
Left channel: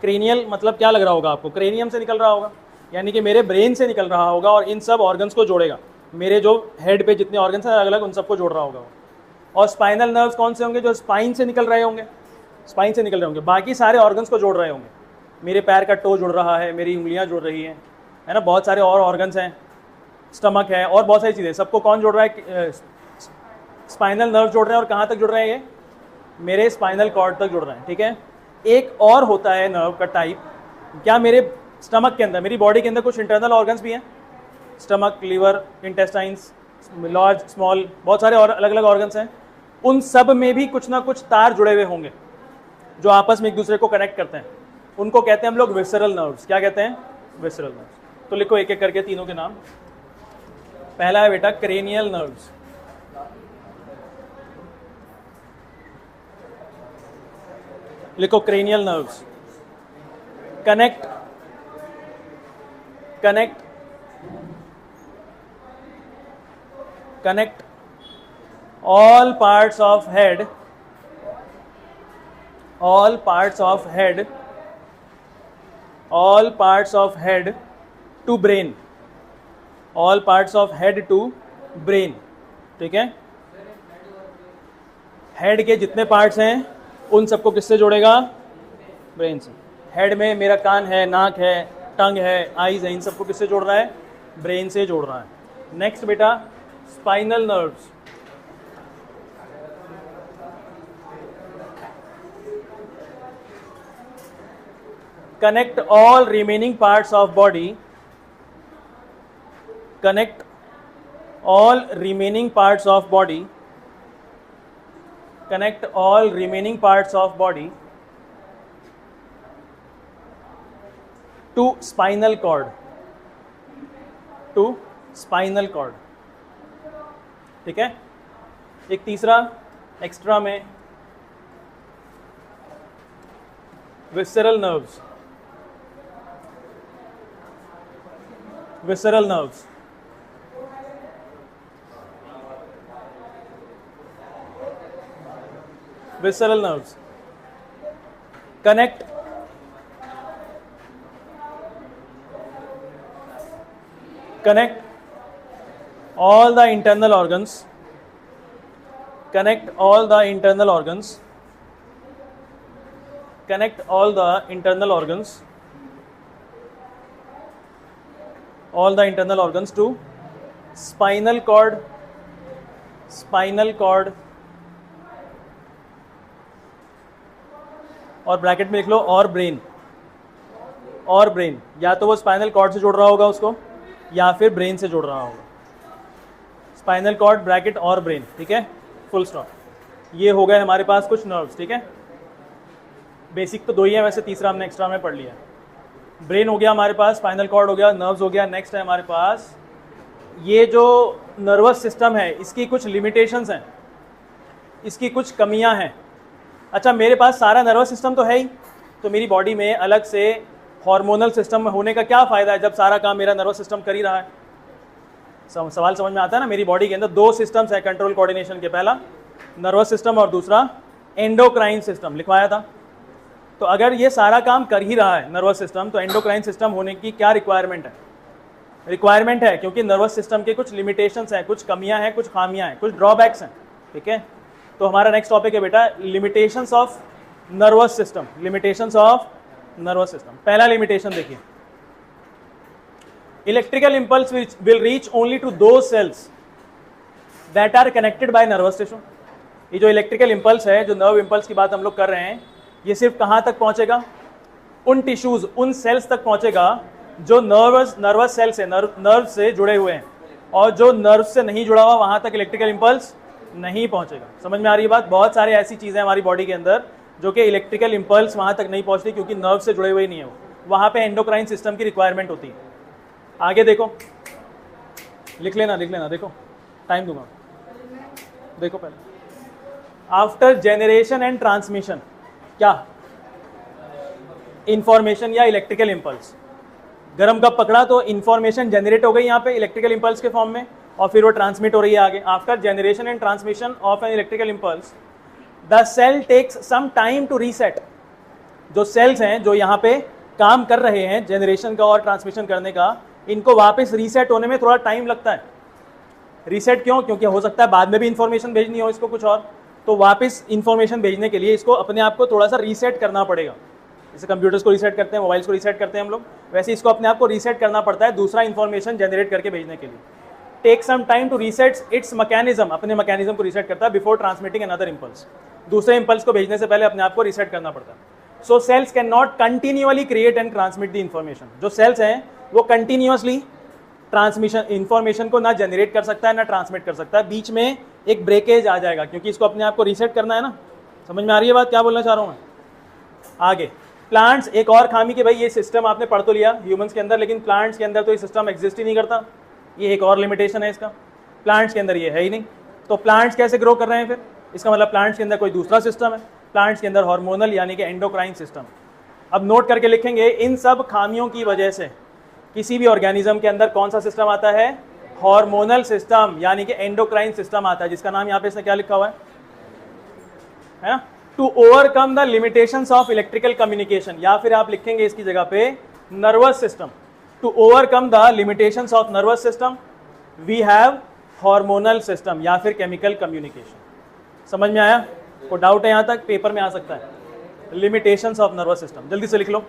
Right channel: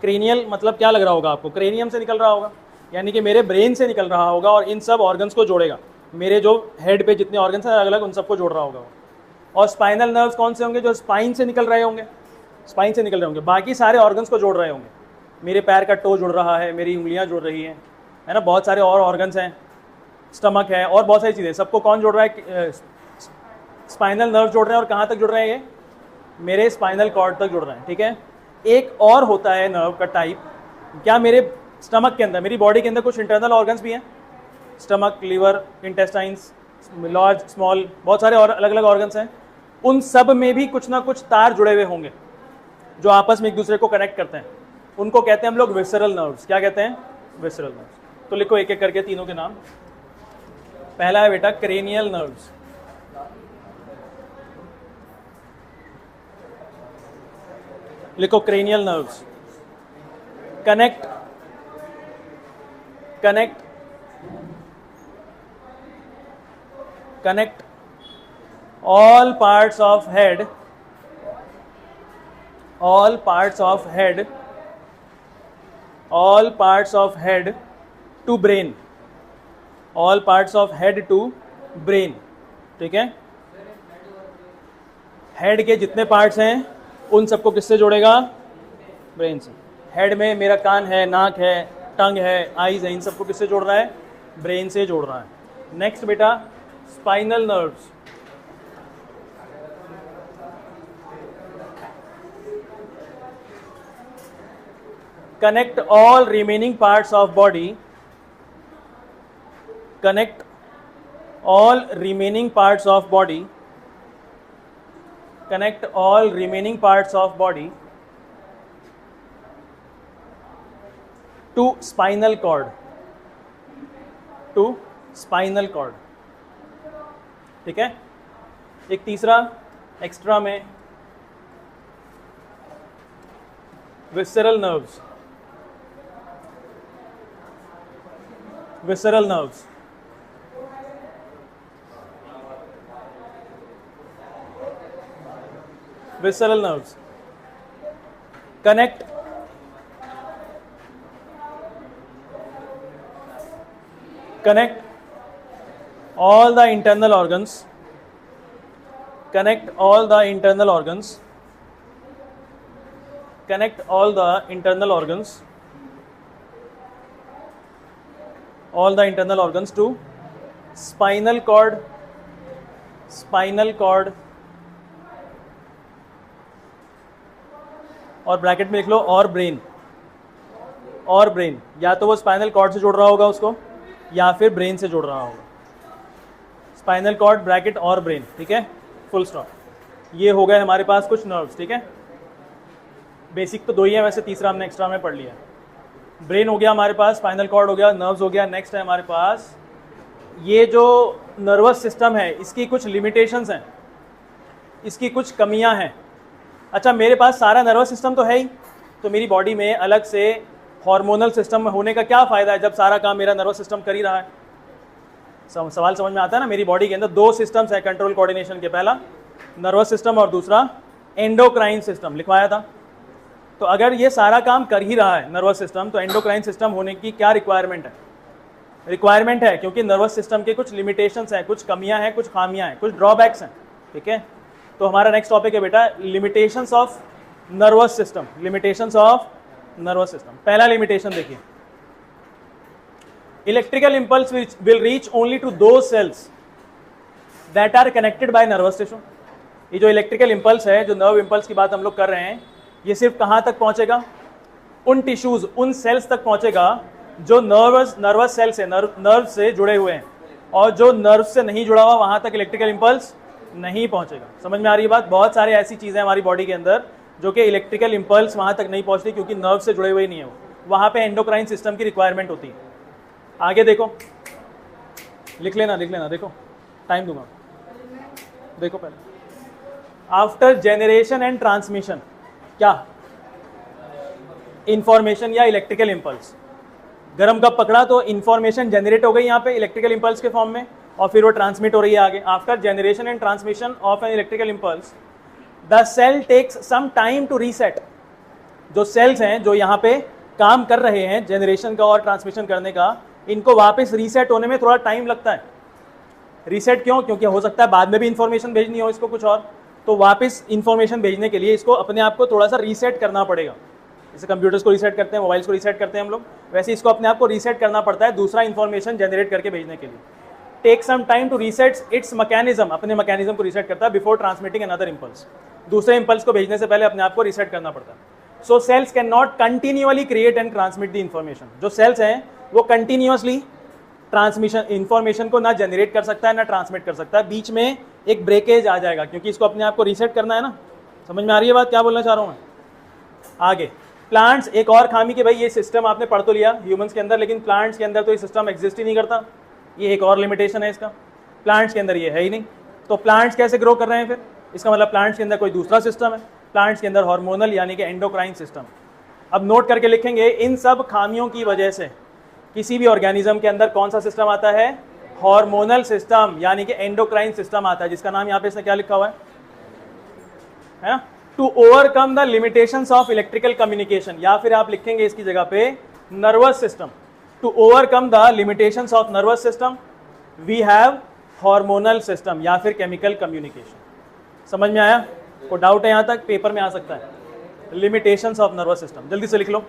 क्रेनियल मतलब क्या लग रहा होगा आपको? क्रेनियम से निकल रहा होगा, यानी कि मेरे ब्रेन से निकल रहा होगा और इन सब ऑर्गन्स को जोड़ेगा. मेरे जो हेड पे जितने ऑर्गन्स हैं अलग अलग, उन सबको जोड़ रहा होगा. और स्पाइनल नर्व्स कौन से होंगे? जो स्पाइन से निकल रहे होंगे. स्पाइन से निकल रहे होंगे, बाकी सारे ऑर्गन्स को जोड़ रहे होंगे. मेरे पैर का टो जुड़ रहा है, मेरी उंगलियां जुड़ रही हैं, है ना, बहुत सारे और ऑर्गन्स हैं, स्टमक है और बहुत सारी चीज़ें. सबको कौन जोड़ रहा है? स्पाइनल नर्व जोड़ रहे हैं. और कहाँ तक जुड़ रहे हैं? ये मेरे स्पाइनल कॉर्ड तक जुड़ रहे हैं. ठीक है, एक और होता है नर्व का टाइप. क्या मेरे स्टमक के अंदर, मेरी बॉडी के अंदर कुछ इंटरनल ऑर्गन्स भी हैं. Stomach, liver, intestines, large, small, बहुत सारे और अलग अलग ऑर्गन्स हैं. उन सब में भी कुछ ना कुछ तार जुड़े हुए होंगे जो आपस में एक दूसरे को कनेक्ट करते हैं. उनको कहते हैं हम लोग विसरल नर्व्स. क्या कहते हैं? Visceral nerves. तो लिखो एक एक करके तीनों के नाम. पहला है बेटा क्रेनियल नर्व्स. लिखो cranial nerves. Connect all parts of head to brain. All parts of head to brain. ठीक है, हेड के जितने पार्ट्स हैं उन सबको किससे जोड़ेगा? ब्रेन से. हेड में मेरा कान है, नाक है, टंग है, आईज है, इन सबको किससे जोड़ रहा है? ब्रेन से जोड़ रहा है. नेक्स्ट बेटा spinal nerves. Connect all remaining parts of body. Connect all remaining parts of body. Connect all remaining parts of body to spinal cord, to spinal cord, ठीक है। एक तीसरा एक्स्ट्रा में visceral nerves, visceral nerves, visceral nerves connect all the internal organs, connect all the internal organs, connect all the internal organs, all the internal organs to spinal cord, spinal cord, और bracket में लिख लो और brain, और brain, या तो वो spinal cord से जोड़ रहा होगा उसको या फिर ब्रेन से जोड़ रहा होगा। स्पाइनल कॉर्ड ब्रैकेट और ब्रेन, ठीक है, फुल स्टॉप। ये हो गए हमारे पास कुछ नर्व्स, ठीक है। बेसिक तो दो ही है वैसे, तीसरा हमने एक्स्ट्रा में पढ़ लिया। ब्रेन हो गया हमारे पास, स्पाइनल कॉर्ड हो गया, नर्व्स हो गया। नेक्स्ट है हमारे पास ये जो नर्वस सिस्टम है, इसकी कुछ लिमिटेशंस हैं, इसकी कुछ कमियां हैं। अच्छा, मेरे पास सारा नर्वस सिस्टम तो है ही, तो मेरी बॉडी में अलग से हार्मोनल सिस्टम होने का क्या फ़ायदा है जब सारा काम मेरा नर्वस सिस्टम कर ही रहा है। सवाल समझ में आता है ना। मेरी बॉडी के अंदर दो सिस्टम्स है कंट्रोल कोऑर्डिनेशन के, पहला नर्वस सिस्टम और दूसरा एंडोक्राइन सिस्टम, लिखवाया था। तो अगर ये सारा काम कर ही रहा है नर्वस सिस्टम, तो एंडोक्राइन सिस्टम होने की क्या रिक्वायरमेंट है? रिक्वायरमेंट है, क्योंकि नर्वस सिस्टम के कुछ लिमिटेशंस हैं, कुछ कमियां हैं, कुछ खामियां हैं, कुछ ड्रॉबैक्स हैं, ठीक है। तो हमारा नेक्स्ट टॉपिक है बेटा limitations of nervous system, limitations of nervous system. पहला लिमिटेशन देखिए, electrical impulse will reach only to those cells that are connected by nervous tissue. ये जो इलेक्ट्रिकल इंपल्स है, जो नर्व इंपल्स की बात हम लोग कर रहे हैं, ये सिर्फ कहां तक पहुंचेगा? उन टिश्यूज, उन सेल्स तक पहुंचेगा जो नर्वस सेल से, नर्व से जुड़े हुए हैं, और जो नर्व से नहीं जुड़ा हुआ वहां तक इलेक्ट्रिकल इंपल्स नहीं पहुंचेगा। समझ में आ रही है बात? बहुत सारे ऐसी चीजें हमारी बॉडी के अंदर जो कि इलेक्ट्रिकल इंपल्स वहां तक नहीं पहुंचती, क्योंकि नर्व से जुड़े हुए नहीं है, वहां पे एंडोक्राइन सिस्टम की रिक्वायरमेंट होती है। आगे देखो, लिख लेना, देखो टाइम दूंगा, देखो पहले। आफ्टर जेनरेशन एंड ट्रांसमिशन, क्या? इंफॉर्मेशन या इलेक्ट्रिकल इंपल्स। गर्म कप पकड़ा तो इंफॉर्मेशन जनरेट हो गई यहाँ पे इलेक्ट्रिकल इंपल्स के फॉर्म में, और फिर वो ट्रांसमिट हो रही है आगे। After generation and transmission of an electrical impulse, the cell takes some time to reset. जो सेल्स हैं जो यहाँ पे काम कर रहे हैं जनरेशन का और ट्रांसमिशन करने का, इनको वापस रीसेट होने में थोड़ा टाइम लगता है। रीसेट क्यों? क्योंकि हो सकता है बाद में भी इंफॉर्मेशन भेजनी हो इसको कुछ और, तो वापस इंफॉर्मेशन भेजने के लिए इसको अपने आप को थोड़ा सा रीसेट करना पड़ेगा। जैसे कंप्यूटर्स को रीसेट करते हैं, मोबाइल्स को रीसेट करते हैं हम लोग, वैसे इसको अपने आप को रीसेट करना पड़ता है दूसरा इंफॉर्मेशन जनरेट करके भेजने के लिए। Take some time to reset its mechanism, अपने मैकेनिज्म को रीसेट करता है बिफोर ट्रांसमिटिंग अनदर इंपल्स। दूसरे इंपल्स को भेजने से पहले अपने आप को रीसेट करना पड़ता है। सो cells can not continually create and transmit the information. जो सेल्स हैं वो कंटिन्यूअसली ट्रांसमिशन इंफॉर्मेशन को ना जनरेट कर सकता है ना ट्रांसमिट कर सकता है, बीच में एक ब्रेकेज आ जाएगा, क्योंकि इसको अपने आप को रीसेट करना है ना। समझ में आ रही है बात क्या बोलना चाह रहा हूँ मैं? आगे प्लांट्स, एक और खामी कि भाई ये सिस्टम आपने पढ़ तो लिया ह्यूमंस के अंदर, लेकिन प्लांट्स के अंदर तो ये सिस्टम एग्जिस्ट ही नहीं करता। ये एक और लिमिटेशन है इसका, प्लांट्स के अंदर ये है ही नहीं। तो प्लांट्स कैसे ग्रो कर रहे हैं फिर? इसका मतलब प्लांट्स के अंदर कोई दूसरा सिस्टम है, प्लांट्स के अंदर हार्मोनल यानी कि एंडोक्राइन सिस्टम। अब नोट करके लिखेंगे, इन सब खामियों की वजह से किसी भी ऑर्गेनिज्म के अंदर कौन सा सिस्टम आता है? हार्मोनल सिस्टम यानी कि एंडोक्राइन सिस्टम आता है, जिसका नाम यहाँ पे इसने क्या लिखा हुआ है ना? To overcome the limitations of electrical communication, या फिर आप लिखेंगे इसकी जगह पे nervous system. To overcome the limitations of nervous system we have hormonal system या फिर केमिकल कम्युनिकेशन। समझ में आया? कोई डाउट है यहां तक? पेपर में आ सकता है। लिमिटेशंस ऑफ नर्वस सिस्टम, जल्दी से लिख लो।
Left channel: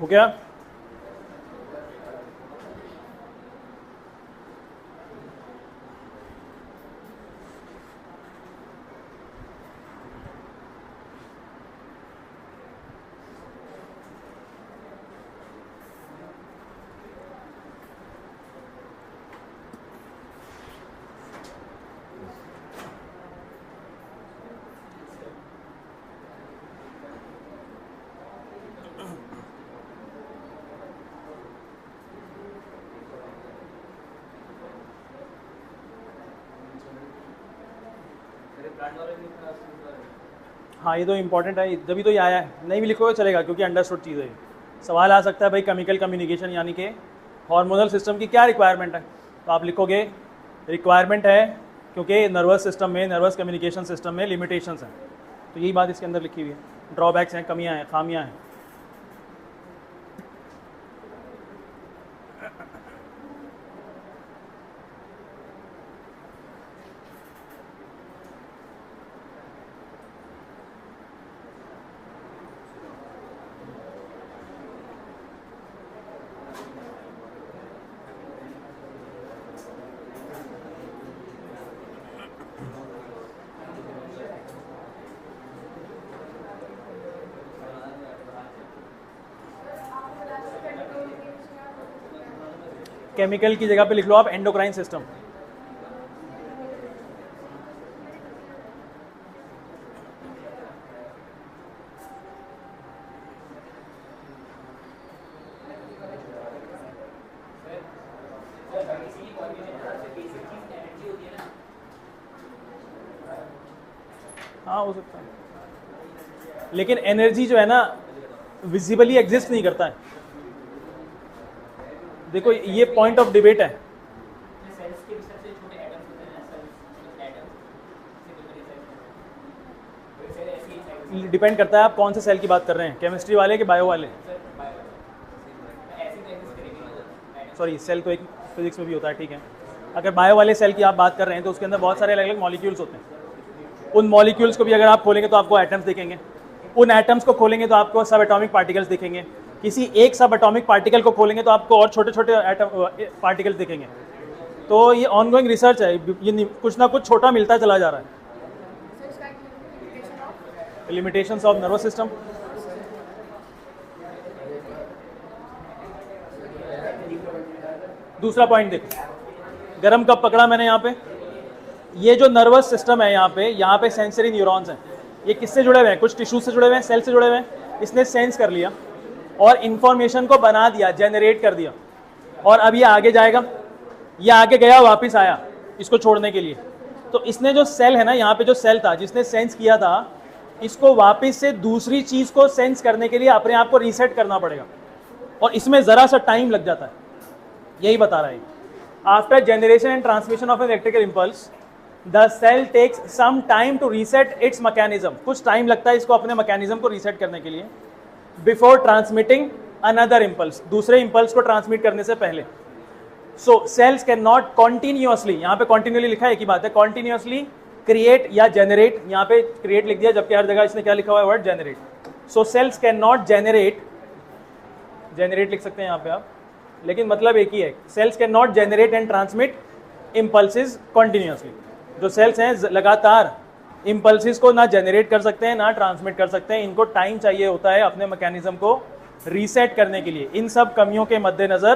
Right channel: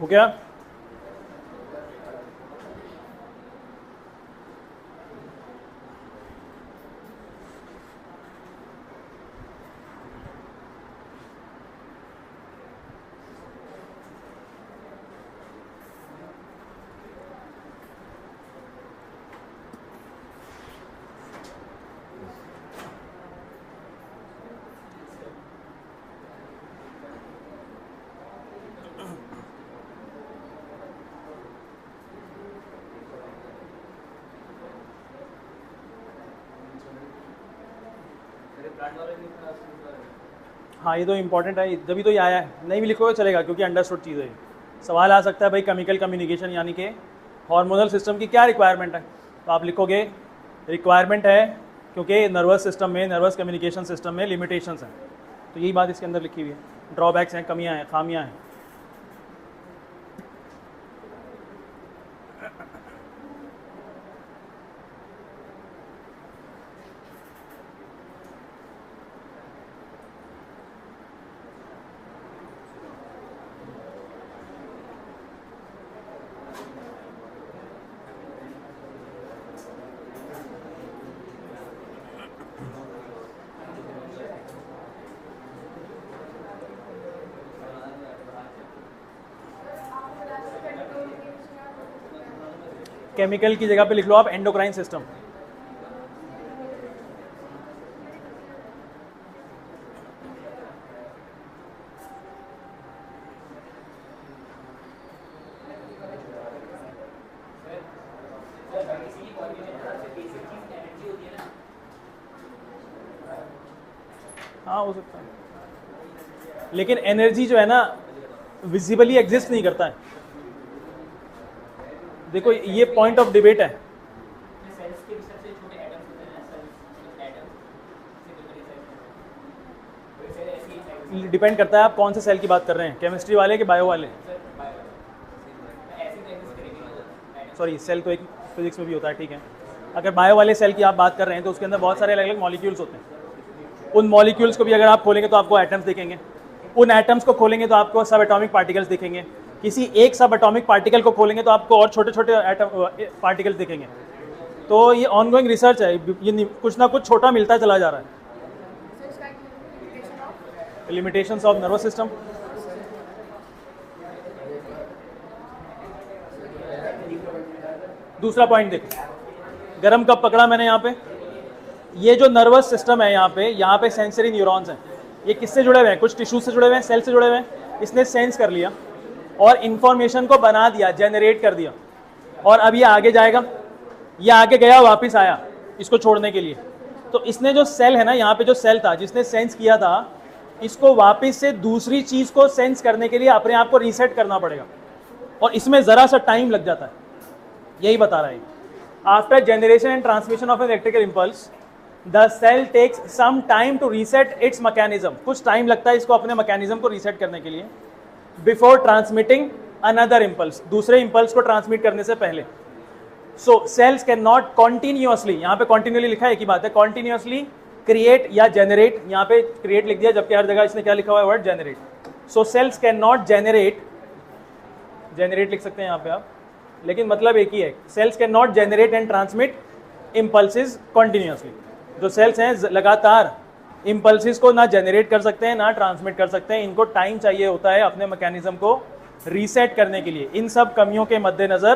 हो गया? हाँ, ये तो इम्पोर्टेंट है, जब भी तो ये आया है, नहीं भी लिखोगे चलेगा क्योंकि अंडरस्टूड चीज़ है। सवाल आ सकता है भाई केमिकल कम्युनिकेशन यानी कि हार्मोनल सिस्टम की क्या रिक्वायरमेंट है, तो आप लिखोगे रिक्वायरमेंट है क्योंकि नर्वस सिस्टम में, नर्वस कम्युनिकेशन सिस्टम में लिमिटेशंस हैं, तो यही बात इसके अंदर लिखी हुई है, ड्रॉबैक्स हैं, कमियां हैं, खामियां हैं। केमिकल की जगह पे लिख लो आप एंडोक्राइन सिस्टम। हाँ हो सकता है, लेकिन एनर्जी जो है ना विजिबली एग्जिस्ट नहीं करता है। देखो ये पॉइंट ऑफ डिबेट है। डिपेंड करता है आप कौन से सेल की बात कर रहे हैं, केमिस्ट्री वाले कि बायो वाले। सॉरी, सेल तो एक फिजिक्स में भी होता है, ठीक है। अगर बायो वाले सेल की आप बात कर रहे हैं तो उसके अंदर बहुत सारे अलग अलग मॉलिक्यूल्स होते हैं। उन मॉलिक्यूल्स को भी अगर आप खोलेंगे तो आपको एटम्स दिखेंगे, उन एटम्स को खोलेंगे तो आपको सब एटॉमिक पार्टिकल्स दिखेंगे, किसी एक सब एटॉमिक पार्टिकल को खोलेंगे तो आपको और छोटे छोटे एटम पार्टिकल्स दिखेंगे। तो ये ऑनगोइंग रिसर्च है, ये कुछ ना कुछ छोटा मिलता चला जा रहा है। लिमिटेशंस ऑफ नर्वस सिस्टम, दूसरा पॉइंट देखो, गरम कब पकड़ा मैंने यहाँ पे, ये जो नर्वस सिस्टम है यहाँ पे सेंसरी न्यूरॉन्स हैं, ये किससे जुड़े हुए हैं, कुछ टिश्यू से जुड़े हुए हैं, सेल से जुड़े हुए हैं। इसने सेंस कर लिया और इंफॉर्मेशन को बना दिया, जनरेट कर दिया, और अब ये आगे जाएगा, ये आगे गया वापस आया इसको छोड़ने के लिए। तो इसने जो सेल है ना, यहाँ पे जो सेल था जिसने सेंस किया था, इसको वापस से दूसरी चीज को सेंस करने के लिए अपने आप को रीसेट करना पड़ेगा, और इसमें जरा सा टाइम लग जाता है, यही बता रहा है। After generation and transmission of an electrical impulse the cell takes some time to reset its mechanism, कुछ टाइम लगता है इसको अपने मैकेनिज्म को रीसेट करने के लिए, बिफोर ट्रांसमिटिंग अनदर इंपल्स, दूसरे इंपल्स को ट्रांसमिट करने से पहले। सो सेल्स कैन नॉट कॉन्टिन्यूअसली, यहाँ पे कॉन्टिन्यूअसली लिखा है, एक ही बात है, कॉन्टिन्यूअसली क्रिएट या जेनरेट, यहाँ पे क्रिएट लिख दिया जबकि हर जगह इसने क्या लिखा हुआ है, word generate. So cells can not generate, generate लिख सकते हैं यहाँ पे आप, लेकिन मतलब एक ही है, cells can not generate and transmit impulses continuously. जो सेल्स हैं लगातार इम्पल्सिस को ना जेनरेट कर सकते हैं ना ट्रांसमिट कर सकते हैं, इनको टाइम चाहिए होता है अपने मैकेनिज्म को रीसेट करने के लिए। इन सब कमियों के मद्देनजर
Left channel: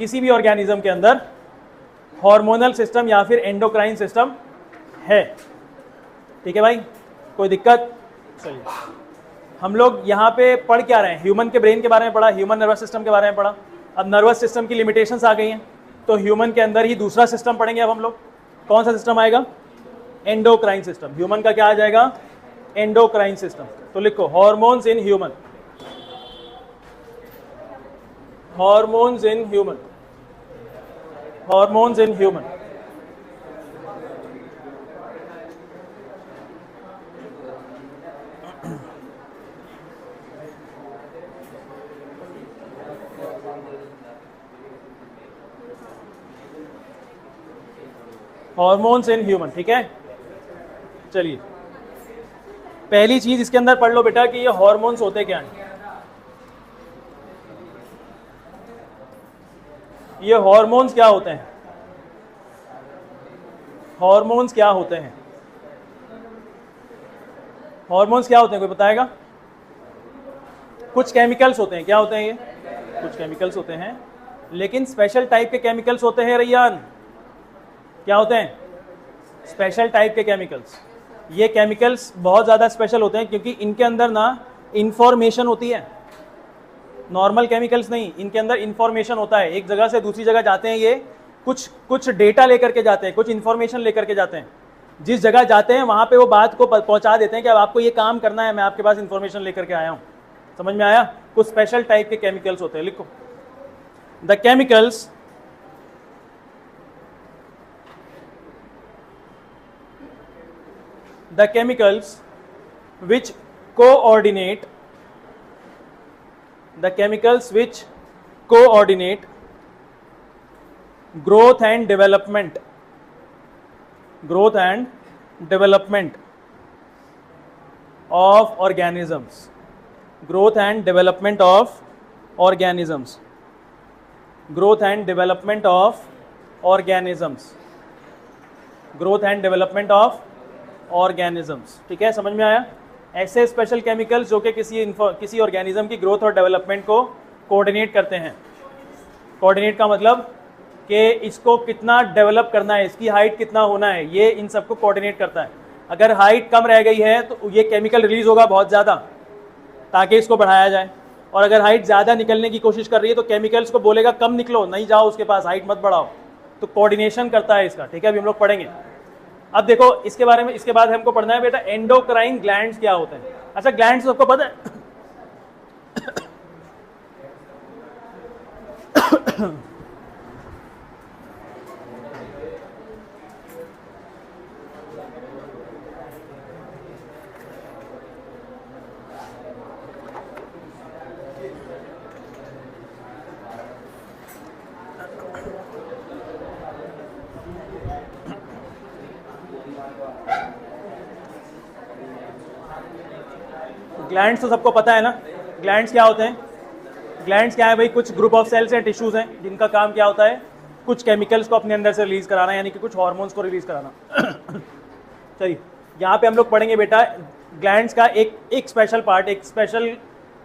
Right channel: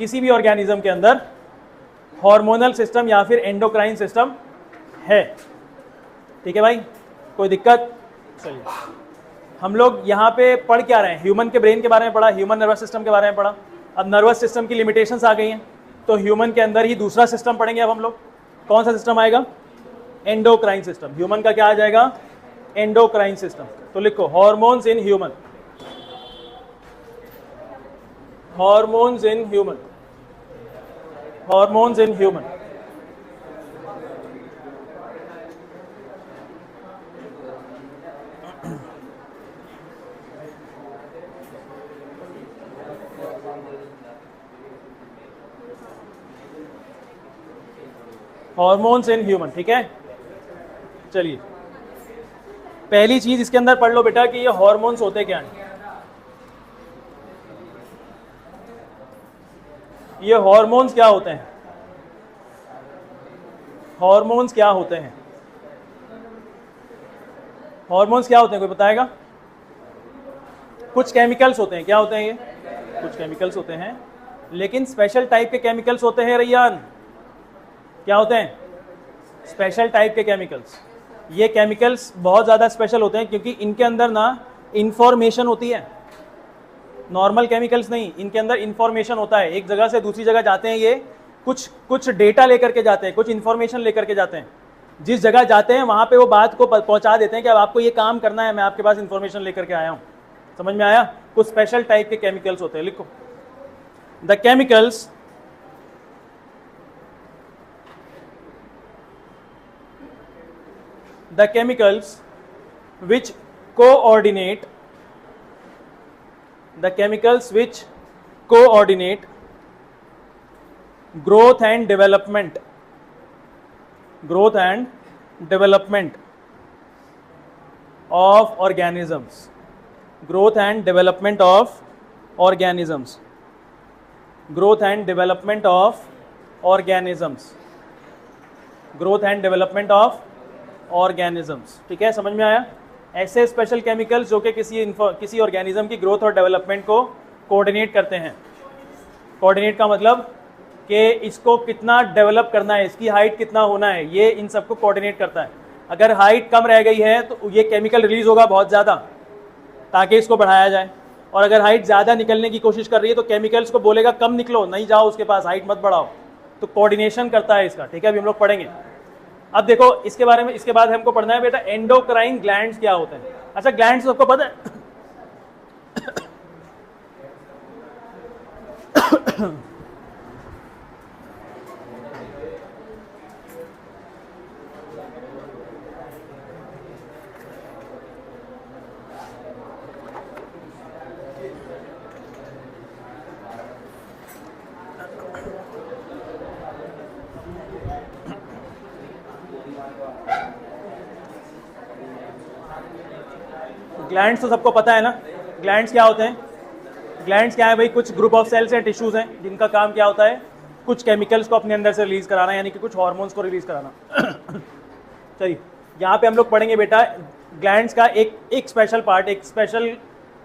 किसी भी ऑर्गेनिज्म के अंदर हार्मोनल सिस्टम या फिर एंडोक्राइन सिस्टम है। ठीक है भाई, कोई दिक्कत? चलिए, हम लोग यहाँ पे पढ़ क्या रहे हैं, ह्यूमन के ब्रेन के बारे में पढ़ा, ह्यूमन नर्वस सिस्टम के बारे में पढ़ा। अब नर्वस सिस्टम की लिमिटेशंस आ गई हैं, तो ह्यूमन के अंदर ही दूसरा सिस्टम पढ़ेंगे अब हम लोग। कौन सा सिस्टम आएगा? Endocrine system. ह्यूमन का क्या आ जाएगा? Endocrine system. तो लिखो hormones in human, hormones in human, hormones in human. Hormones in human, ठीक है। चलिए, पहली चीज इसके अंदर पढ़ लो बेटा कि ये हॉर्मोन्स होते क्या हैं। ये हॉर्मोन्स क्या होते हैं? हॉर्मोन्स क्या होते हैं? हॉर्मोन्स क्या होते हैं, कोई बताएगा? कुछ केमिकल्स होते हैं। क्या होते हैं ये? कुछ केमिकल्स होते हैं, लेकिन स्पेशल टाइप के केमिकल्स होते हैं रैयान। क्या होते हैं? स्पेशल टाइप के केमिकल्स। ये केमिकल्स बहुत ज़्यादा स्पेशल होते हैं क्योंकि इनके अंदर ना इंफॉर्मेशन होती है। नॉर्मल केमिकल्स नहीं, इनके अंदर इंफॉर्मेशन होता है। एक जगह से दूसरी जगह जाते हैं, ये कुछ डेटा लेकर के जाते हैं, कुछ इंफॉर्मेशन लेकर के जाते हैं। जिस जगह जाते हैं वहां पे वो बात को पहुंचा देते हैं कि अब आपको ये काम करना है, मैं आपके पास इंफॉर्मेशन लेकर के आया हूं। समझ में आया? कुछ स्पेशल टाइप के केमिकल्स होते हैं। लिखो, the chemicals which coordinate growth and development of organisms, growth and development of organisms, growth and development of organisms, growth and development of organisms। ठीक है, समझ में आया? ऐसे स्पेशल केमिकल्स जो कि किसी ऑर्गेनिज्म की ग्रोथ और डेवलपमेंट को कोऑर्डिनेट करते हैं। कोऑर्डिनेट का मतलब कि इसको कितना डेवलप करना है, इसकी हाइट कितना होना है, ये इन सबको कोऑर्डिनेट करता है। अगर हाइट कम रह गई है तो ये केमिकल रिलीज होगा बहुत ज़्यादा ताकि इसको बढ़ाया जाए, और अगर हाइट ज़्यादा निकलने की कोशिश कर रही है तो केमिकल्स को बोलेगा कम निकलो, नहीं जाओ उसके पास, हाइट मत बढ़ाओ। तो कोऑर्डिनेशन करता है इसका। ठीक है, अभी हम लोग पढ़ेंगे। अब देखो इसके बारे में, इसके बाद हमको पढ़ना है बेटा एंडोक्राइन ग्लैंड्स क्या होते हैं। अच्छा, ग्लैंड्स सबको पता है? ग्लैंड्स तो सबको पता है ना। ग्लैंड्स क्या होते हैं? ग्लैंड्स क्या है भाई? कुछ ग्रुप ऑफ सेल्स हैं, टिश्यूज हैं, जिनका काम क्या होता है? कुछ केमिकल्स को अपने अंदर से रिलीज कराना, यानी कि कुछ हार्मोन्स को रिलीज कराना। चलिए, यहाँ पे हम लोग पढ़ेंगे बेटा ग्लैंड्स का एक स्पेशल पार्ट, एक स्पेशल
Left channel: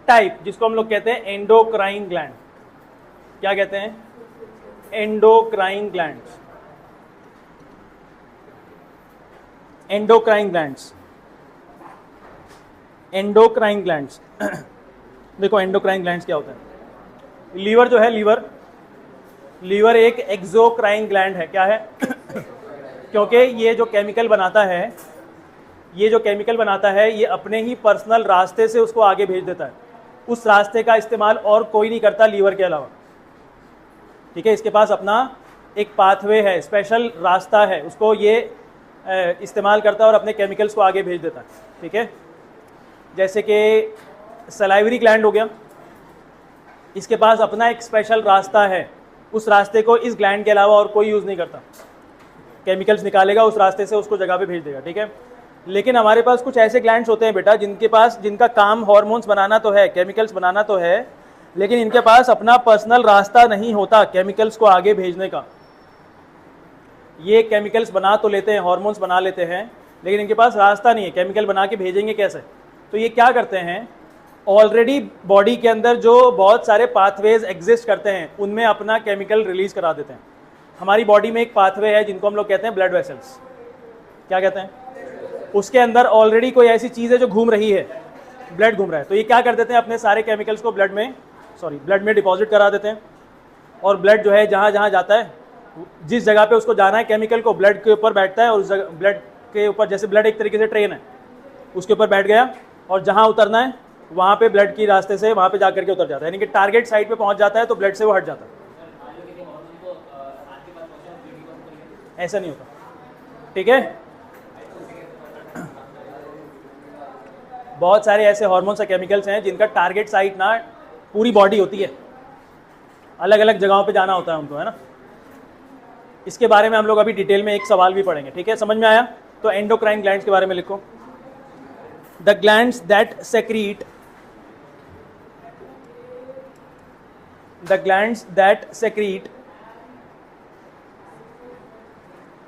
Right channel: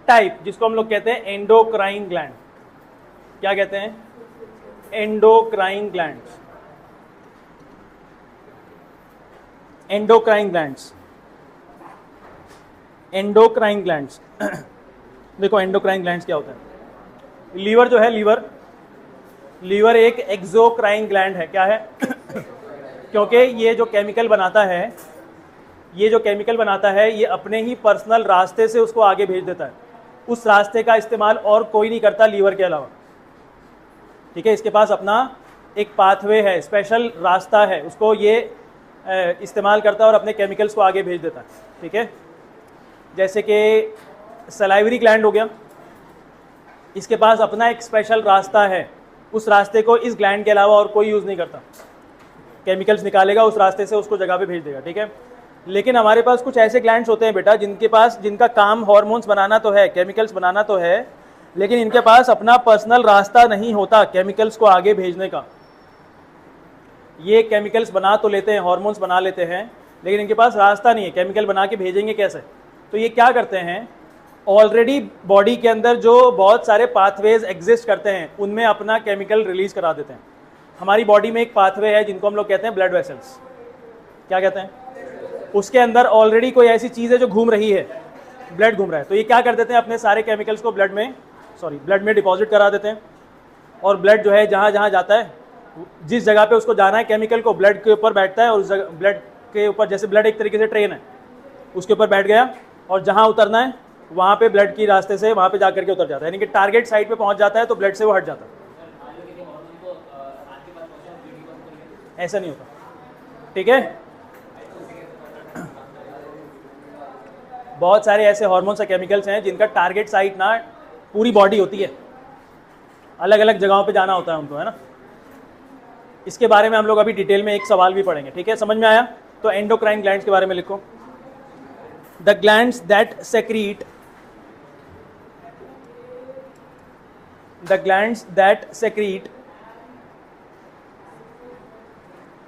टाइप, जिसको हम लोग कहते हैं एंडोक्राइन ग्लैंड। क्या कहते हैं? Endocrine glands. Endocrine glands, endocrine glands. देखो एंडोक्राइन ग्लैंड्स क्या होता है? लीवर जो है, लीवर एक एक्सोक्राइन ग्लैंड है। क्या है? क्योंकि ये जो केमिकल बनाता है, ये अपने ही पर्सनल रास्ते से उसको आगे भेज देता है। उस रास्ते का इस्तेमाल और कोई नहीं करता लीवर के अलावा। ठीक है, इसके पास अपना एक पाथवे है, स्पेशल रास्ता है, उसको ये इस्तेमाल करता है और अपने केमिकल्स को आगे भेज देता है। ठीक है, जैसे कि सलाइवरी ग्लैंड हो गया, इसके पास अपना एक स्पेशल रास्ता है, उस रास्ते को इस ग्लैंड के अलावा और कोई यूज़ नहीं करता। केमिकल्स निकालेगा उस रास्ते से, उसको जगह पे भेज देगा। ठीक है, लेकिन हमारे पास कुछ ऐसे ग्लैंड्स होते हैं बेटा जिनका काम हार्मोन्स बनाना तो है, केमिकल्स बनाना तो है, लेकिन इनके पास अपना पर्सनल रास्ता नहीं होता केमिकल्स को आगे भेजने का। ये केमिकल्स बना तो लेते हैं, हार्मोन्स बना लेते हैं, लेकिन इनके पास रास्ता नहीं है, केमिकल बना के भेजेंगे कैसे? तो ये क्या करते हैं, ऑलरेडी बॉडी के अंदर जो बहुत सारे पाथवेज एग्जिस्ट करते हैं उनमें अपना केमिकल रिलीज करा देते हैं। हमारी बॉडी में एक पाथवे है जिनको हम लोग कहते हैं ब्लड वेसल्स। क्या कहते हैं? उसके अंदर ऑलरेडी कोई ऐसी चीज़ है जो घूम रही है, ब्लड घूम रहा है, तो ये क्या कर देते हैं, अपने सारे केमिकल्स को ब्लड में डिपॉजिट करा देते हैं। और ब्लड जो है जहाँ जहाँ जाता है, जिस जगह पे उसको जाना है केमिकल को, ब्लड के ऊपर बैठता है, और ब्लड के ऊपर, जैसे ब्लड एक तरीके से ट्रेन है, उसके ऊपर बैठ गया, और जहाँ उतरना है वहाँ पे ब्लड की रास्ते से वहाँ पे जाकर के उतर जाता है, यानी कि टारगेट साइट पे पहुँच जाता है तो ब्लड से वो हट जाता है। ऐसा नहीं होता। ठीक है, बहुत सारे ऐसे हार्मोन्स या केमिकल्स हैं जिनका टारगेट साइट ना पूरी बॉडी होती है, अलग अलग जगहों पे जाना होता है उनको, है ना। इसके बारे में हम लोग अभी डिटेल में एक सवाल भी पढ़ेंगे। ठीक है, समझ में आया? तो एंडोक्राइन ग्लैंड्स के बारे में लिखो। the glands that secrete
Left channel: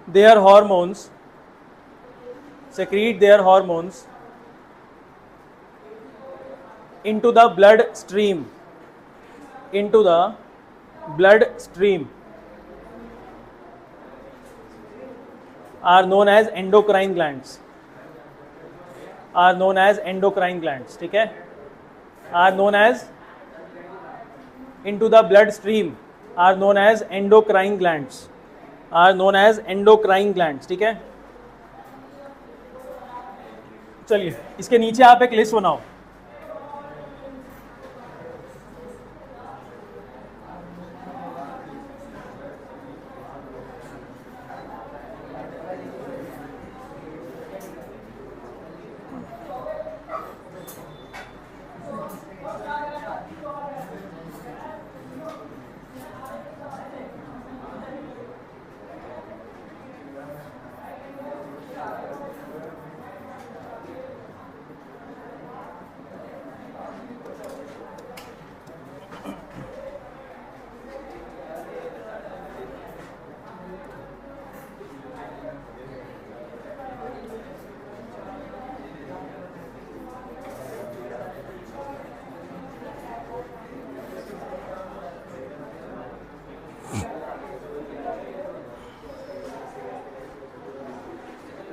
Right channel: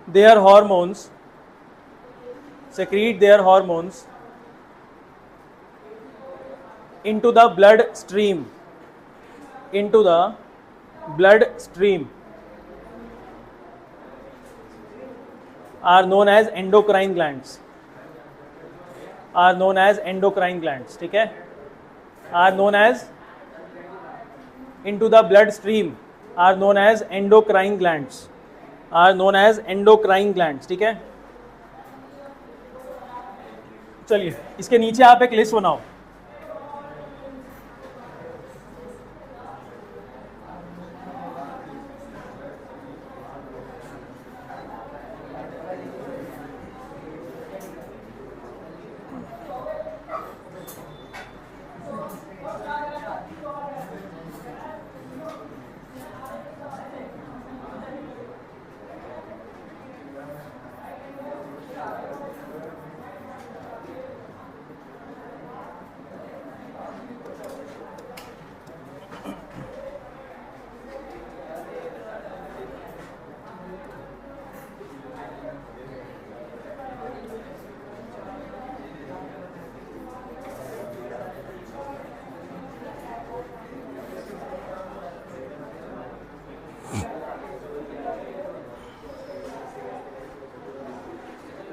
their hormones into the bloodstream are known as endocrine glands. ठीक है, are known as into the bloodstream are known as endocrine glands. ठीक है, चलिए इसके नीचे आप एक लिस्ट बनाओ.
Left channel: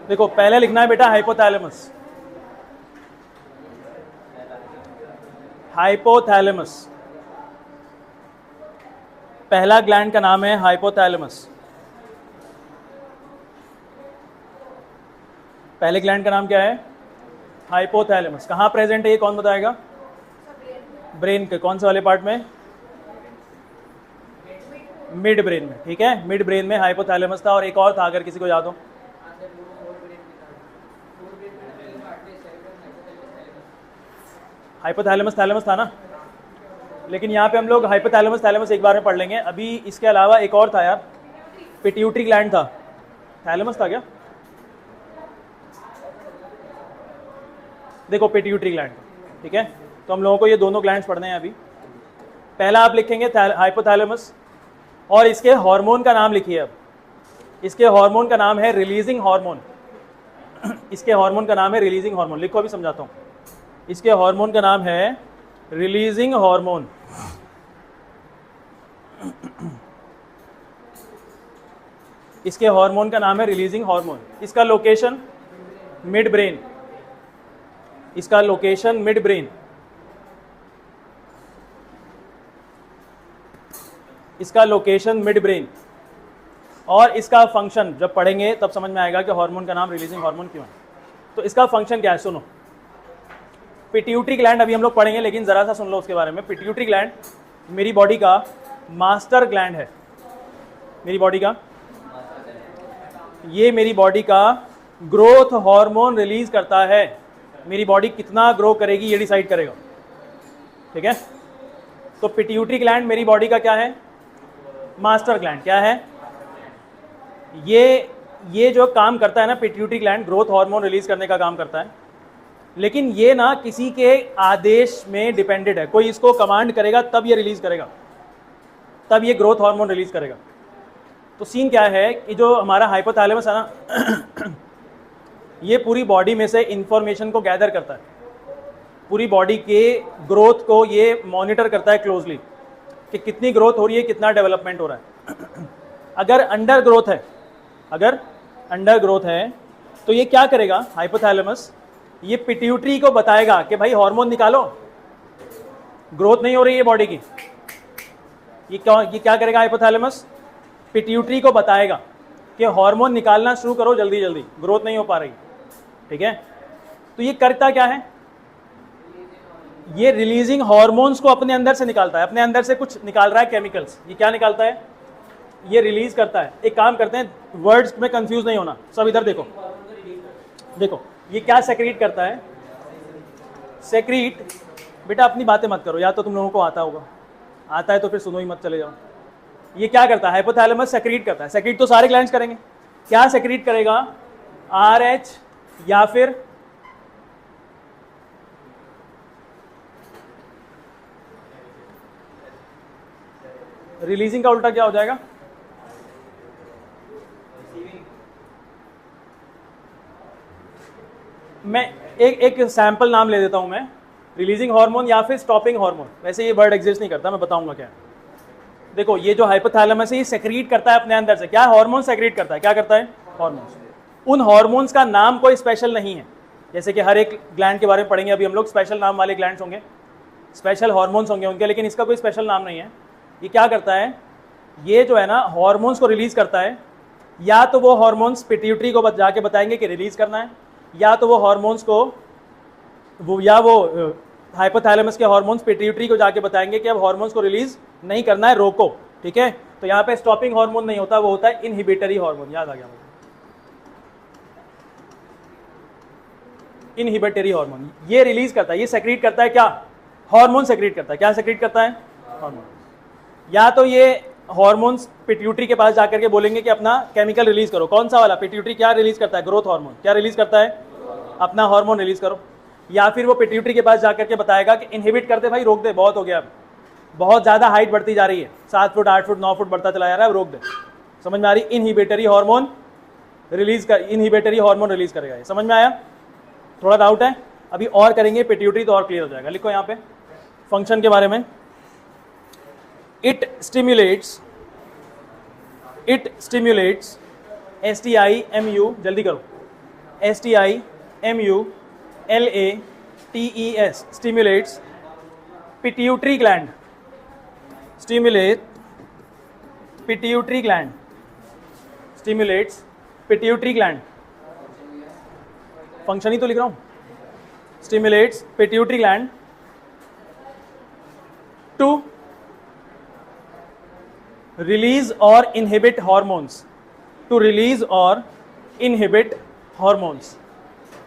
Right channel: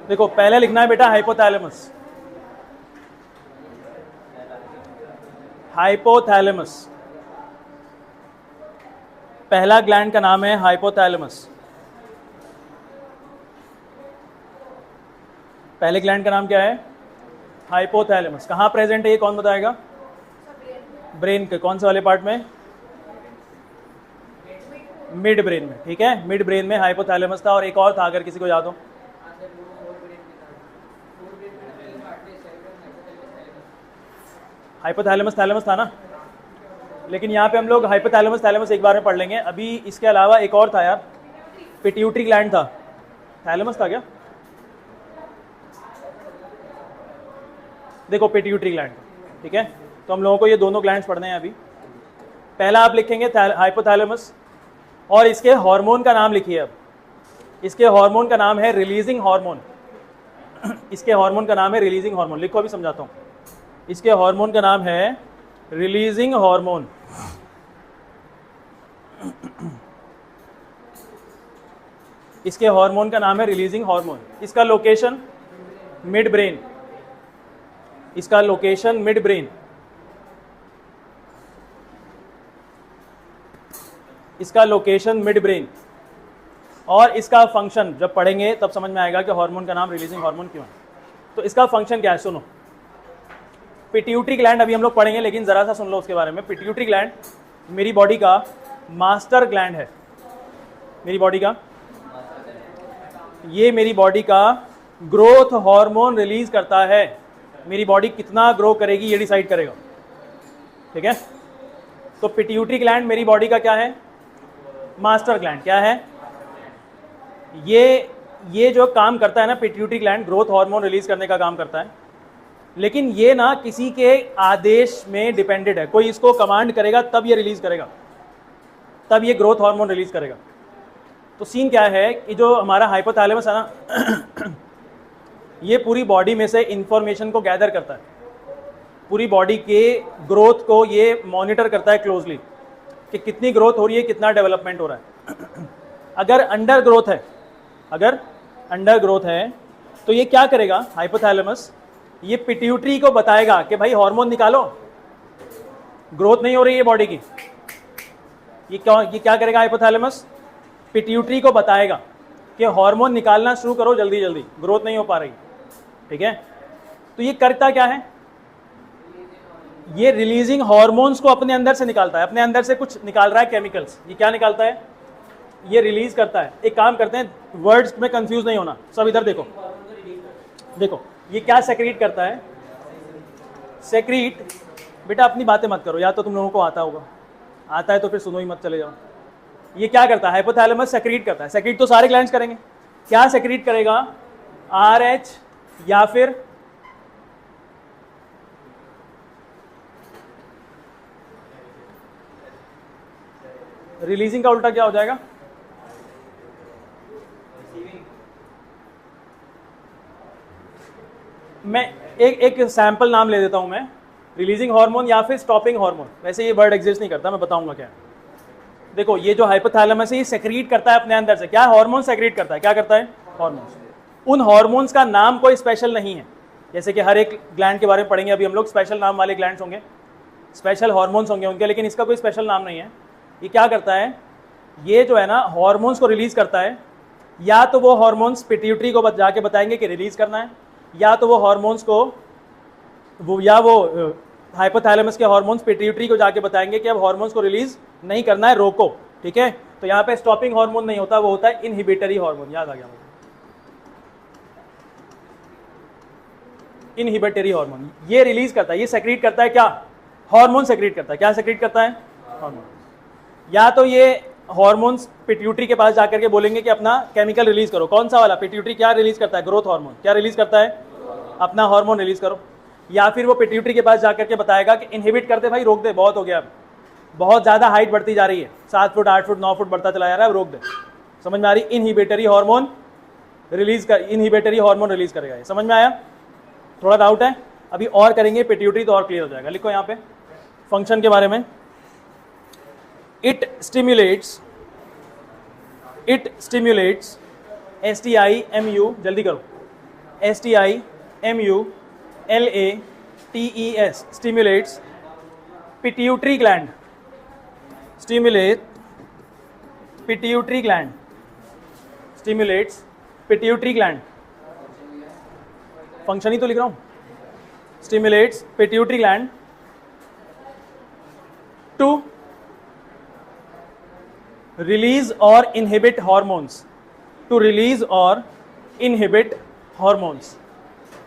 देखो पहले लिखना है बेटा हाइपोथैलेमस. पहला ग्लैंड का नाम है हाइपोथैलेमस. पहले ग्लैंड का नाम क्या है? हाइपोथैलेमस. कहाँ प्रेजेंट है ये कौन बताएगा? ब्रेन के कौन से वाले पार्ट में? मिड ब्रेन में. ठीक है, मिड ब्रेन में हाइपोथैलेमस था, और एक और था अगर किसी को याद हो. हाइपोथैलेमस था ना, लेकिन यहाँ पे हम लोग हाइपोथैलेमस एक बार में पढ़ लेंगे. अभी इसके अलावा एक और था यार, पिट्यूटरी ग्लैंड था. थैलेमस था क्या? देखो पिट्यूटरी ग्लैंड. ठीक है, तो हम लोगों को ये दोनों ग्लैंड्स पढ़ने हैं अभी. पहला आप लिखेंगे हाइपोथैलेमस, और इसके हार्मोन का नाम लिखिए. इसके हार्मोन का नाम है रिलीजिंग हार्मोन. लिखो, अभी समझाता हूँ. इसके हार्मोन का नाम है रिलीजिंग हार्मोन. इसके हार्मोन का नाम है रिलीजिंग हार्मोन. इसका लोकेशन मिड ब्रेन. और इसका फंक्शन जब पढ़ेंगे तब समझ में आएगा कि हार्मोन का नाम रिलीजिंग हार्मोन क्यों है. तो इसका फंक्शन क्या है, सुनो. पिट्यूटरी ग्लैंड अभी हम लोग पढ़ेंगे, लेकिन जरा सा सुन लो उसके बारे में. पिट्यूटरी ग्लैंड मेरी बॉडी का मास्टर ग्लैंड है. मेरी बॉडी का ग्रोथ हार्मोन रिलीज करता है. मेरी बॉडी कितना ग्रो करेगी ये डिसाइड करेगा. ठीक है, तो पिट्यूटरी ग्लैंड मेरी बॉडी का क्या है? Master gland. क्या है ये जो काम करता है ना, pituitary gland growth hormone release करने का काम करता है. लेकिन ये ना किसी के आदेश में डिपेंडेड है. कोई इसको कमांड करेगा तब ये रिलीज करेगा, तब ये ग्रोथ हार्मोन रिलीज करेगा. तो सीन क्या है कि जो हमारा हाइपोथैलेमस है ना, ये पूरी बॉडी में से इंफॉर्मेशन को गैदर करता है. पूरी बॉडी के ग्रोथ को ये मॉनिटर करता है क्लोजली, कि कितनी ग्रोथ हो रही है, कितना डेवलपमेंट हो रहा है. अगर अंडर ग्रोथ है तो ये क्या करेगा हाइपोथैलेमस? ये पिट्यूटरी को बताएगा कि भाई हार्मोन निकालो, ग्रोथ नहीं हो रही है बॉडी की. ये क्या करेगा हाइपोथैलेमस? पिट्यूटरी को बताएगा कि हार्मोन निकालना शुरू करो जल्दी जल्दी, ग्रोथ नहीं हो पा रही. ठीक है, तो ये करता क्या है? ये रिलीजिंग हार्मोन्स को अपने अंदर से निकालता है. अपने अंदर से कुछ निकाल रहा है, केमिकल्स. ये क्या निकालता है? ये रिलीज करता है. एक काम करते हैं, वर्ड्स में कंफ्यूज नहीं होना. सब इधर देखो. ये क्या सेक्रीट करता है? सेक्रीट, बेटा अपनी बातें मत करो, या तो तुम लोगों को आता होगा. आता है तो फिर सुनो ही मत, चले जाओ. ये क्या करता है? हाइपोथैलेमस सेक्रीट करता है. सेक्रीट तो सारे ग्लैंड्स करेंगे. क्या सेक्रीट करेगा? RH या फिर रिलीजिंग का उल्टा क्या हो जाएगा? मैं एक सैंपल नाम ले देता हूं मैं, रिलीजिंग हार्मोन या फिर स्टॉपिंग हार्मोन। वैसे ये वर्ड एग्जिस्ट नहीं करता, मैं बताऊंगा क्या। देखो ये जो हाइपोथैलेमस है ये सेक्रीट करता है अपने अंदर से, क्या हार्मोन सेक्रीट करता है, क्या करता है? उन हार्मोन्स का नाम कोई स्पेशल नहीं है, जैसे कि हर एक ग्लैंड के बारे में पढ़ेंगे अभी हम लोग, स्पेशल नाम वाले ग्लैंड्स होंगे, स्पेशल हार्मोन्स होंगे उनके, लेकिन इसका कोई स्पेशल नाम नहीं है। ये क्या करता है, ये जो है ना हार्मोन्स को रिलीज करता है, या तो वो हार्मोन्स पिट्यूटरी को जाके बताएंगे कि रिलीज करना है, या तो वो हार्मोन्स को वो हाइपोथैलेमस के हार्मोन्स पिट्यूटरी को जाके बताएंगे कि अब हार्मोन्स को रिलीज नहीं करना है, रोको। ठीक है, तो यहाँ पे स्टॉपिंग हार्मोन नहीं होता, वो होता है इनहिबिटरी हार्मोन। याद आ गया मुझे, इनहिबिटरी हार्मोन ये रिलीज करता है, ये सेक्रीट करता है क्या, हार्मोन सेक्रीट करता है। क्या सेक्रीट करता है? हार्मोन। या तो ये हार्मोन्स पिट्यूटरी के पास जाकर के बोलेंगे कि अपना केमिकल रिलीज करो। कौन सा वाला? पिट्यूटरी क्या रिलीज करता है? Growth hormone. क्या रिलीज करता है? अपना हार्मोन रिलीज करो। या फिर वो पिट्यूटरी के पास जाकर के बताएगा कि इनहिबिट करते भाई, रोक दे, बहुत हो गया, अब बहुत ज्यादा हाइट बढ़ती जा रही है, 7 फुट 8 फुट 9 फुट बढ़ता चला जा रहा है, रोक दे। समझ में आ रही? इनहिबिटरी हार्मोन रिलीज कर, इनहिबिटरी हार्मोन रिलीज करेगा। ये समझ में आया? थोड़ा डाउट है? अभी और करेंगे पिट्यूटरी तो और क्लियर हो जाएगा। लिखो यहाँ पे फंक्शन के बारे में, इट स्टिम्युलेट्स STIMU, जल्दी करो, STIMULATES stimulates pituitary gland, stimulates pituitary gland, function ही तो लिख रहा हूं, stimulates pituitary gland to release or inhibit hormones, to release or inhibit hormones,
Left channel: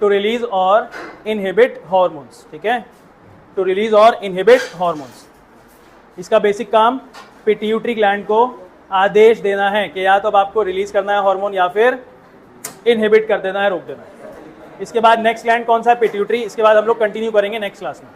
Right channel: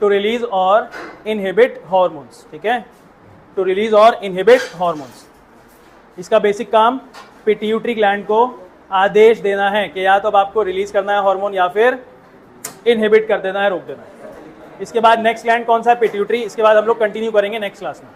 to release or inhibit hormones। ठीक है, to release or inhibit hormones। इसका basic काम pituitary gland को आदेश देना है कि या तो अब आपको रिलीज करना है हार्मोन या फिर इनहिबिट कर देना है, रोक देना है। इसके बाद नेक्स्ट ग्लैंड कौन सा है? पिट्यूटरी। इसके बाद हम लोग कंटिन्यू करेंगे नेक्स्ट क्लास में।